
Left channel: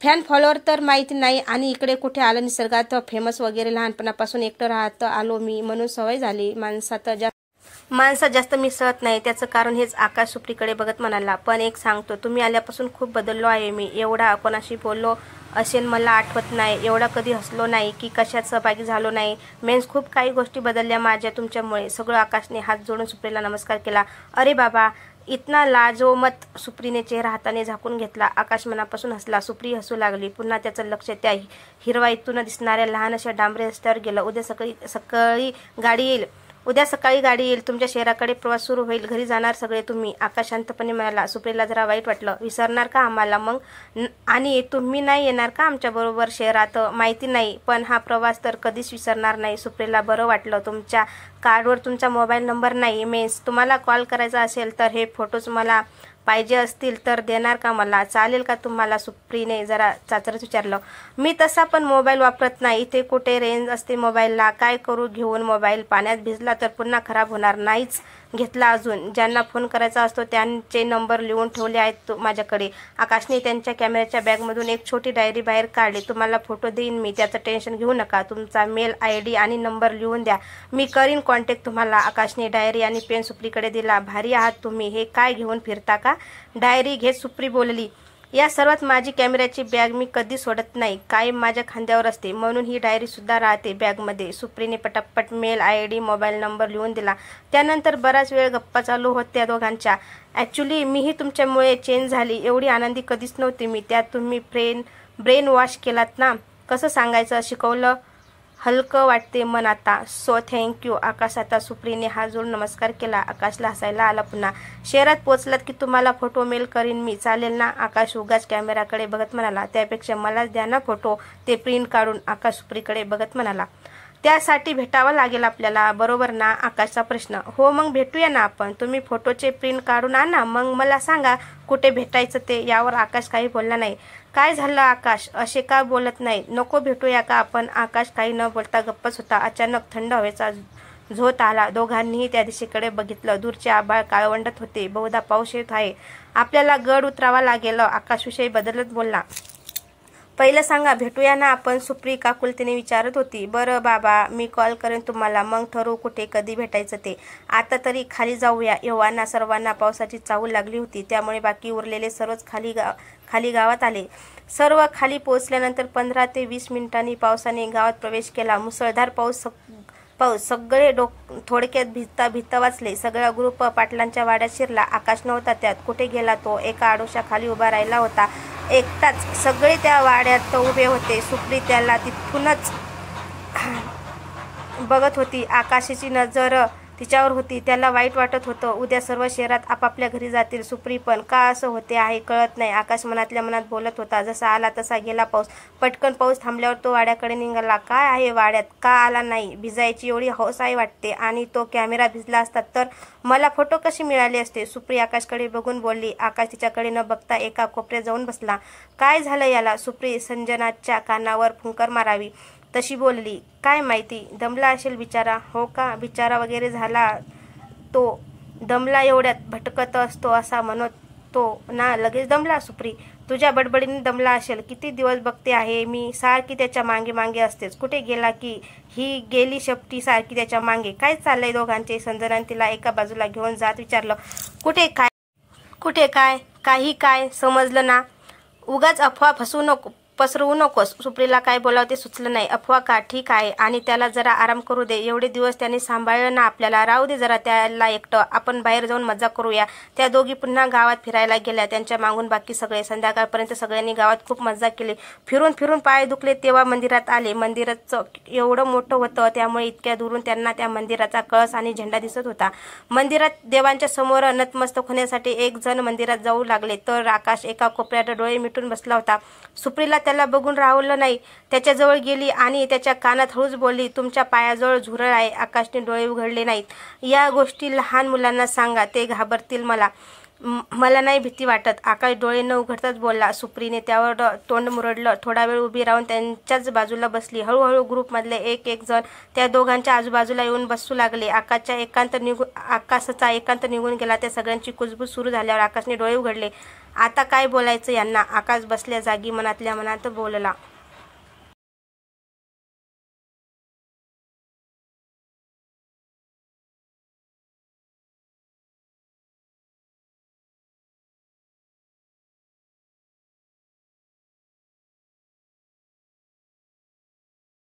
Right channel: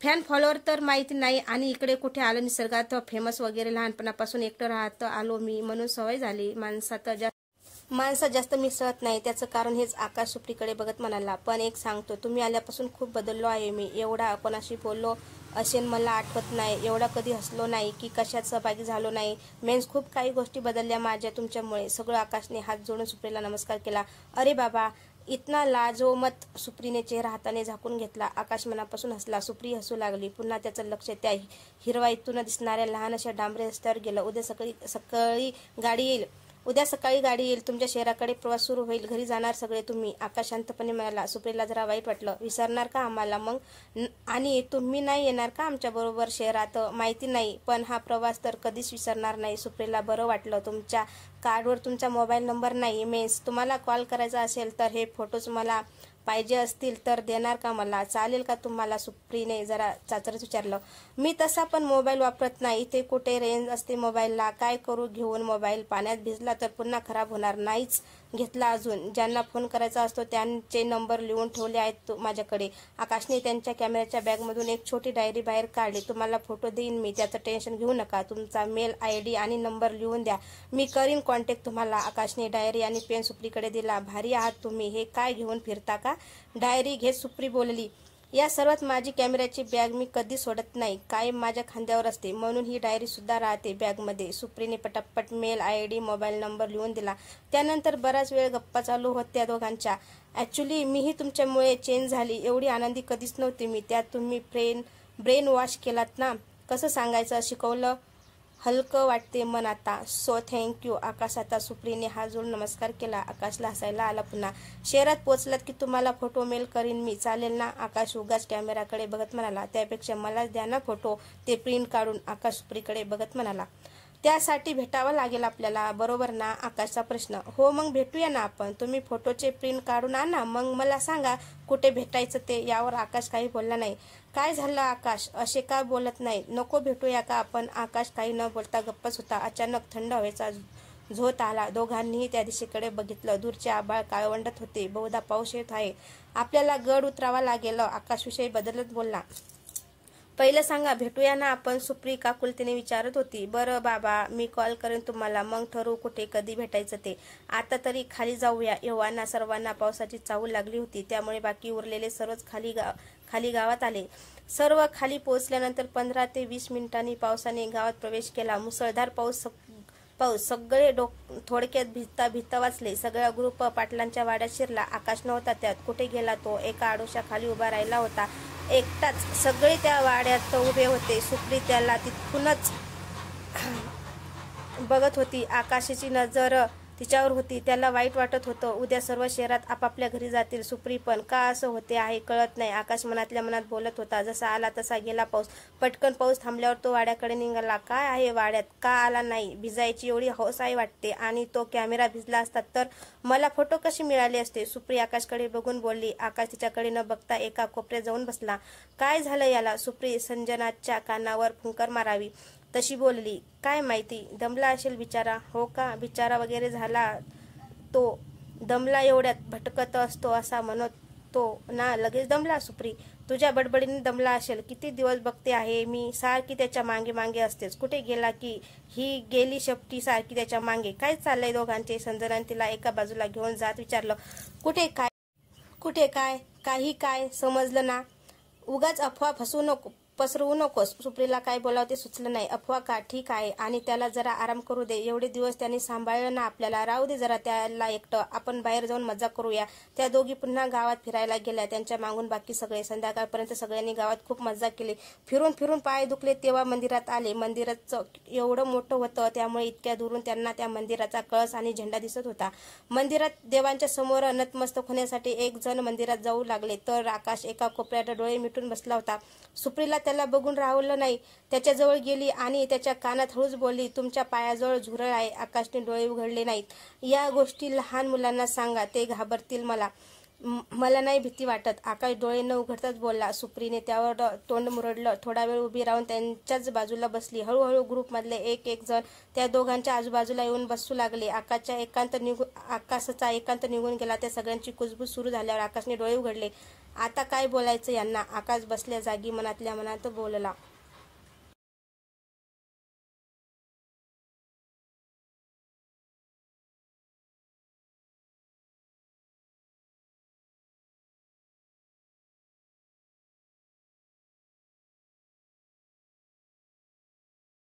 फॅन फॉलोअर तर माहिती नाही, आणि इकडे कुठे आलं निसर्गात फेमस वगैरे. लहानपणापासून एकटं राहत आलो मी, म्हणून सवय झाली. माणसात जास्त मिसळत नाही. त्याचं कारण हेच. आकाश सुप्रीकडे बघत म्हणाला. पण एक सांगतो, तुम्ही आल्यापासून खूप बदललो आहे मी. एवढा कोणाशी बोललो असेल मला आठवत नाही. एवढा कधी हसलो नाही की कशात सहभागी झालो नाही. मेन्स खूप काही गोष्टी बदलल्या माझ्या तुमच्यामुळे. सगळं. आकाशने हात जोडून सुप्रीला नमस्कार केला. अरे बाबा, इतना लाजोमत. सुप्रीने चेहरा हाताने झाकून घेतला. आकाश मनापासून हसला. सुप्री हसू लागली. पुन्हा त्याचं लक्ष त्या हिरवाईतून दिसणाऱ्या लहान अशा डांबरी रस्त्यावर गेलं. उद्या सकाळी गाडी येईल. तुमच्या शहराकडे प्रवास सुरू होईल. घरी जाणार सगळे तुम्ही. आकाश शांतपणे म्हणाला. सुप्रीला जरा वाईट वाटलं. विसरणार का आम्हाला मग? आणि तुम्ही नाही येणार का आमच्याबरोबर शहरात? माहिती नाही, पण हा प्रवास तर कधीच विसरणार नाही. सुप्रीला बरं वाटलं. तुमच्या कार्डवर तुमचा मोबाईल नंबर नाही. मेन्स तुम्हाला कॉल करायचा असेल तर हे फोटोज मला पाहिजे असतील तर देणार का मला? चालेल का तुम्हाला? सुप्रीने जरा चाचरच विचारलं. मी तसा पण मोबाईल वापरत नाही. इथे कुठे रेंज असते मोबाईलला? काय करू घेऊन मोबाईल? पाण्यात भिजला तर पुन्हा खराब होणार. नाहीच घेतला अजून. ज्यांना फोन करायचा असतो त्यांचे नंबर लिहून ठेवले आहेत माझ्याकडे. आकाशने त्यांच्या कॅमेऱ्याच्या बॅगमधून एक छोटी डायरी बाहेर काढली. तुम्हाला फोटो देईन मी, त्याचं टेन्शन घेऊ नका. तुमचा मेल ID आणि नंबर लिहून द्या, मी करीन कॉन्टॅक्ट तुम्हाला. आकाशने डायरी आणि पेन सुप्रीकडे दिला. भारी आहात तुम्ही. हे काय घेऊन फिरता का? डायरी घेत सुप्री बोलली. या सर्वात माझी कॅमेऱ्याची बॅग मी कधी सोडत नाही, कायम माझ्या खांद्यावर असते, म्हणून ही डायरी सुद्धा राहते बॅगमध्ये. सुप्रीने पटापट मेल ID मोबाईल नंबर लिहून दिला. त्यानंतर बराच वेळ गप्पा चालू होत्या दोघांच्या. ॲक्च्युली मीही तुमच्यामुळे चेंज झाली. एवढी आनंदी कधीच नव्हती मी. त्यात तुम्ही ब्रेन वॉश केलात ना. कसं सांगायचं? शिकवलं. हलकं वाटते मन आता. So thank you. आकाश. आता सुप्रीने हात जोडून नमस्कार केला. आकाशला हसायला आला पुन्हा. शहरात पोचलात की तुम्हाला फोटो मेल करीन मी, चालेल ना? आकाश उगाच कॅमेराकडे बघत म्हणाला. त्यापेक्षा मलाच द्या ना फोटो, ते प्रिंट काढून. आकाश सुप्रीकडे बघत म्हणाला. त्यासाठी भेटावं लागेल आपल्याला, बरोबर ना? आकाशचा प्रश्न. हो, मग भेटूया ना आपण. तुम्ही फोटोचे प्रिंट काढून आणा, मग मला सांगा कुठे भेटायचं ते. यावर आकाश काही बोलला नाही. काय झालं आकाश, असे का बोलत नाही? नको भेटूया का आपण? आकाश काही न बोलता गप्पच होता. अचानक थंड हवेचा झोत आला. दोघांनीही त्या दिशेकडे बघितलं. दूरचे आभाळ काळवंडत होते. बहुधा पाऊस येत आहे. आपल्याला गड उतरावा लागेल. आकाश विषयी बदलत बोलला. पहिलं सांगा, भेटूया ना आपण? सुप्री काकुलतेने विचारत होती. बरं बाबा, मी कॉल करेन तुम्हाला, मग ठरवू कुठे कधी भेटायचं ते. आता तरी खाली जाऊया. एव्हाना सर्वांना पावसाची चाहूल लागली होती, त्यामुळे बाकी उरलेले सर्वच खाली गावात आले. सर्व खाली पोहोचल्यानंतर 15 ते 20 मिनिटांनी पावसाने गावात प्रवेश केला. मुसळधार पाऊस. सगळे थोडक्यात भिजता वाचले. सगळा ग्रुप पाटलांच्या वाड्यात शिरला. आकाश नव्हता त्यात. कुठे गेला तो? एका आडोशा खाली उभा राहिला होता एकटाच. सगळे त्या वाड्यात उभे होते. सुप्री त्याला तिथूनच बघत होती. आकाशाची नजर तिच्यावर होती. त्याला वाईट वाटत होतं. उद्या सर्व शहरात आपापल्या घरी जातील. सुप्री पण का असं होते आहे कळत नाही. आकाश मनातल्या मनात बोलत होता. जसा आला तसा गेला पाऊस. पटकन पाऊस थांबल्यावर तो वाड्याकडे निघाला. काय आहे वाड्यात, का आला नाही? भिजायची एवढी हौस आहे वाटते. आणि तो कॅमेरा भिजला असता तर मला फोटो कसे मिळाले असते? सुप्री आकाशकडे बघून बोलली. आकाश तिच्याकडे न बघता एका कोपऱ्यात जाऊन बसला. काय झालं याला? सुप्री संजनाच्या कानावर फुंकर मारावी तशी बोलली. काय माहिती, दमला असेल बिचारा. हो का, बिचारा वगैरे झाला तो? दमला एवढ्यात भटकत असतो असा म्हणतो ना, लगेच दमला. सुप्री, तुझ्या बडबडीने दमला असेल. किती दिवस बघते आहे मी, सारखी त्याच्या मागे मागे असतेच. कुठे गेला की ही गेली शेपटी सारखी त्याच्या मागे. काय चाललंय दोघांचे? संजनाने तिला एका बाजूला घेऊन जात विचारलं. कुठे काय काही काय समजलं ना. उगाच अफवा पसरवू नकोस. सुप्रीला काय बोलावं ते सुचलं नाही. अफवा का, ठीक आहे, आणि त्याला जरा आराम करू दे. एवढे दिवस त्याने सांभाळलं ना आपल्याला. राहू दे जरा त्याला एकटं. आपण बाहेर जाऊन मजा करूया. त्या दोघी पुन्हा गावात फिरायला गेल्या. त्यांच्या मागून बाकी सगळे. संध्याकाळपर्यंत सगळ्यांनी गावात खूप मजा केली. फिरून फिरून पाय दुखले तेव्हा मंदिरात आले. मंदिराचं एवढं मोठं होतं त्यामुळे इतक्या दुरून त्यांना त्या मंदिराचा कळस आणि झेंडा दिसत होता. मंदिरात देवांच्या समोर नतमस्तक होण्यासाठी एक जण मंदिरात जाऊ लागले तर आकाश एका कोपऱ्यात डोळे मिटून बसला होता. सुप्रीला त्याला बघून राहवलं नाही. त्याच्याजवळ गेली आणि त्याच्या कानात हळूच बोलली. तुमच्या पायाजवळ झुरळ आहे. आकाशने डोळे उघडले नाहीत. या गोष्टी लहान मुलांना सांगा, ते घाबरतील. मला नाही भीती वाटत. आकाश डोळे न उघडताच बोलला. सुप्रीने त्यावर तोंड मुरडलं. थोडा वेळ उभी राहून त्यांच्याच बाजूला बसली. हळूहळू ग्रुपमधले एक जण त्या दोघांच्या आजूबाजूला येऊन बसू लागले. आकाशाचा एकांत निघून गेला. त्या सगळ्यांची कुजबूज सुरू झाल्यावर आकाशने डोळे उघडले. आता काय बोलायचं यांना? आकाश बसल्या जागी मनातल्या मनात बोलला.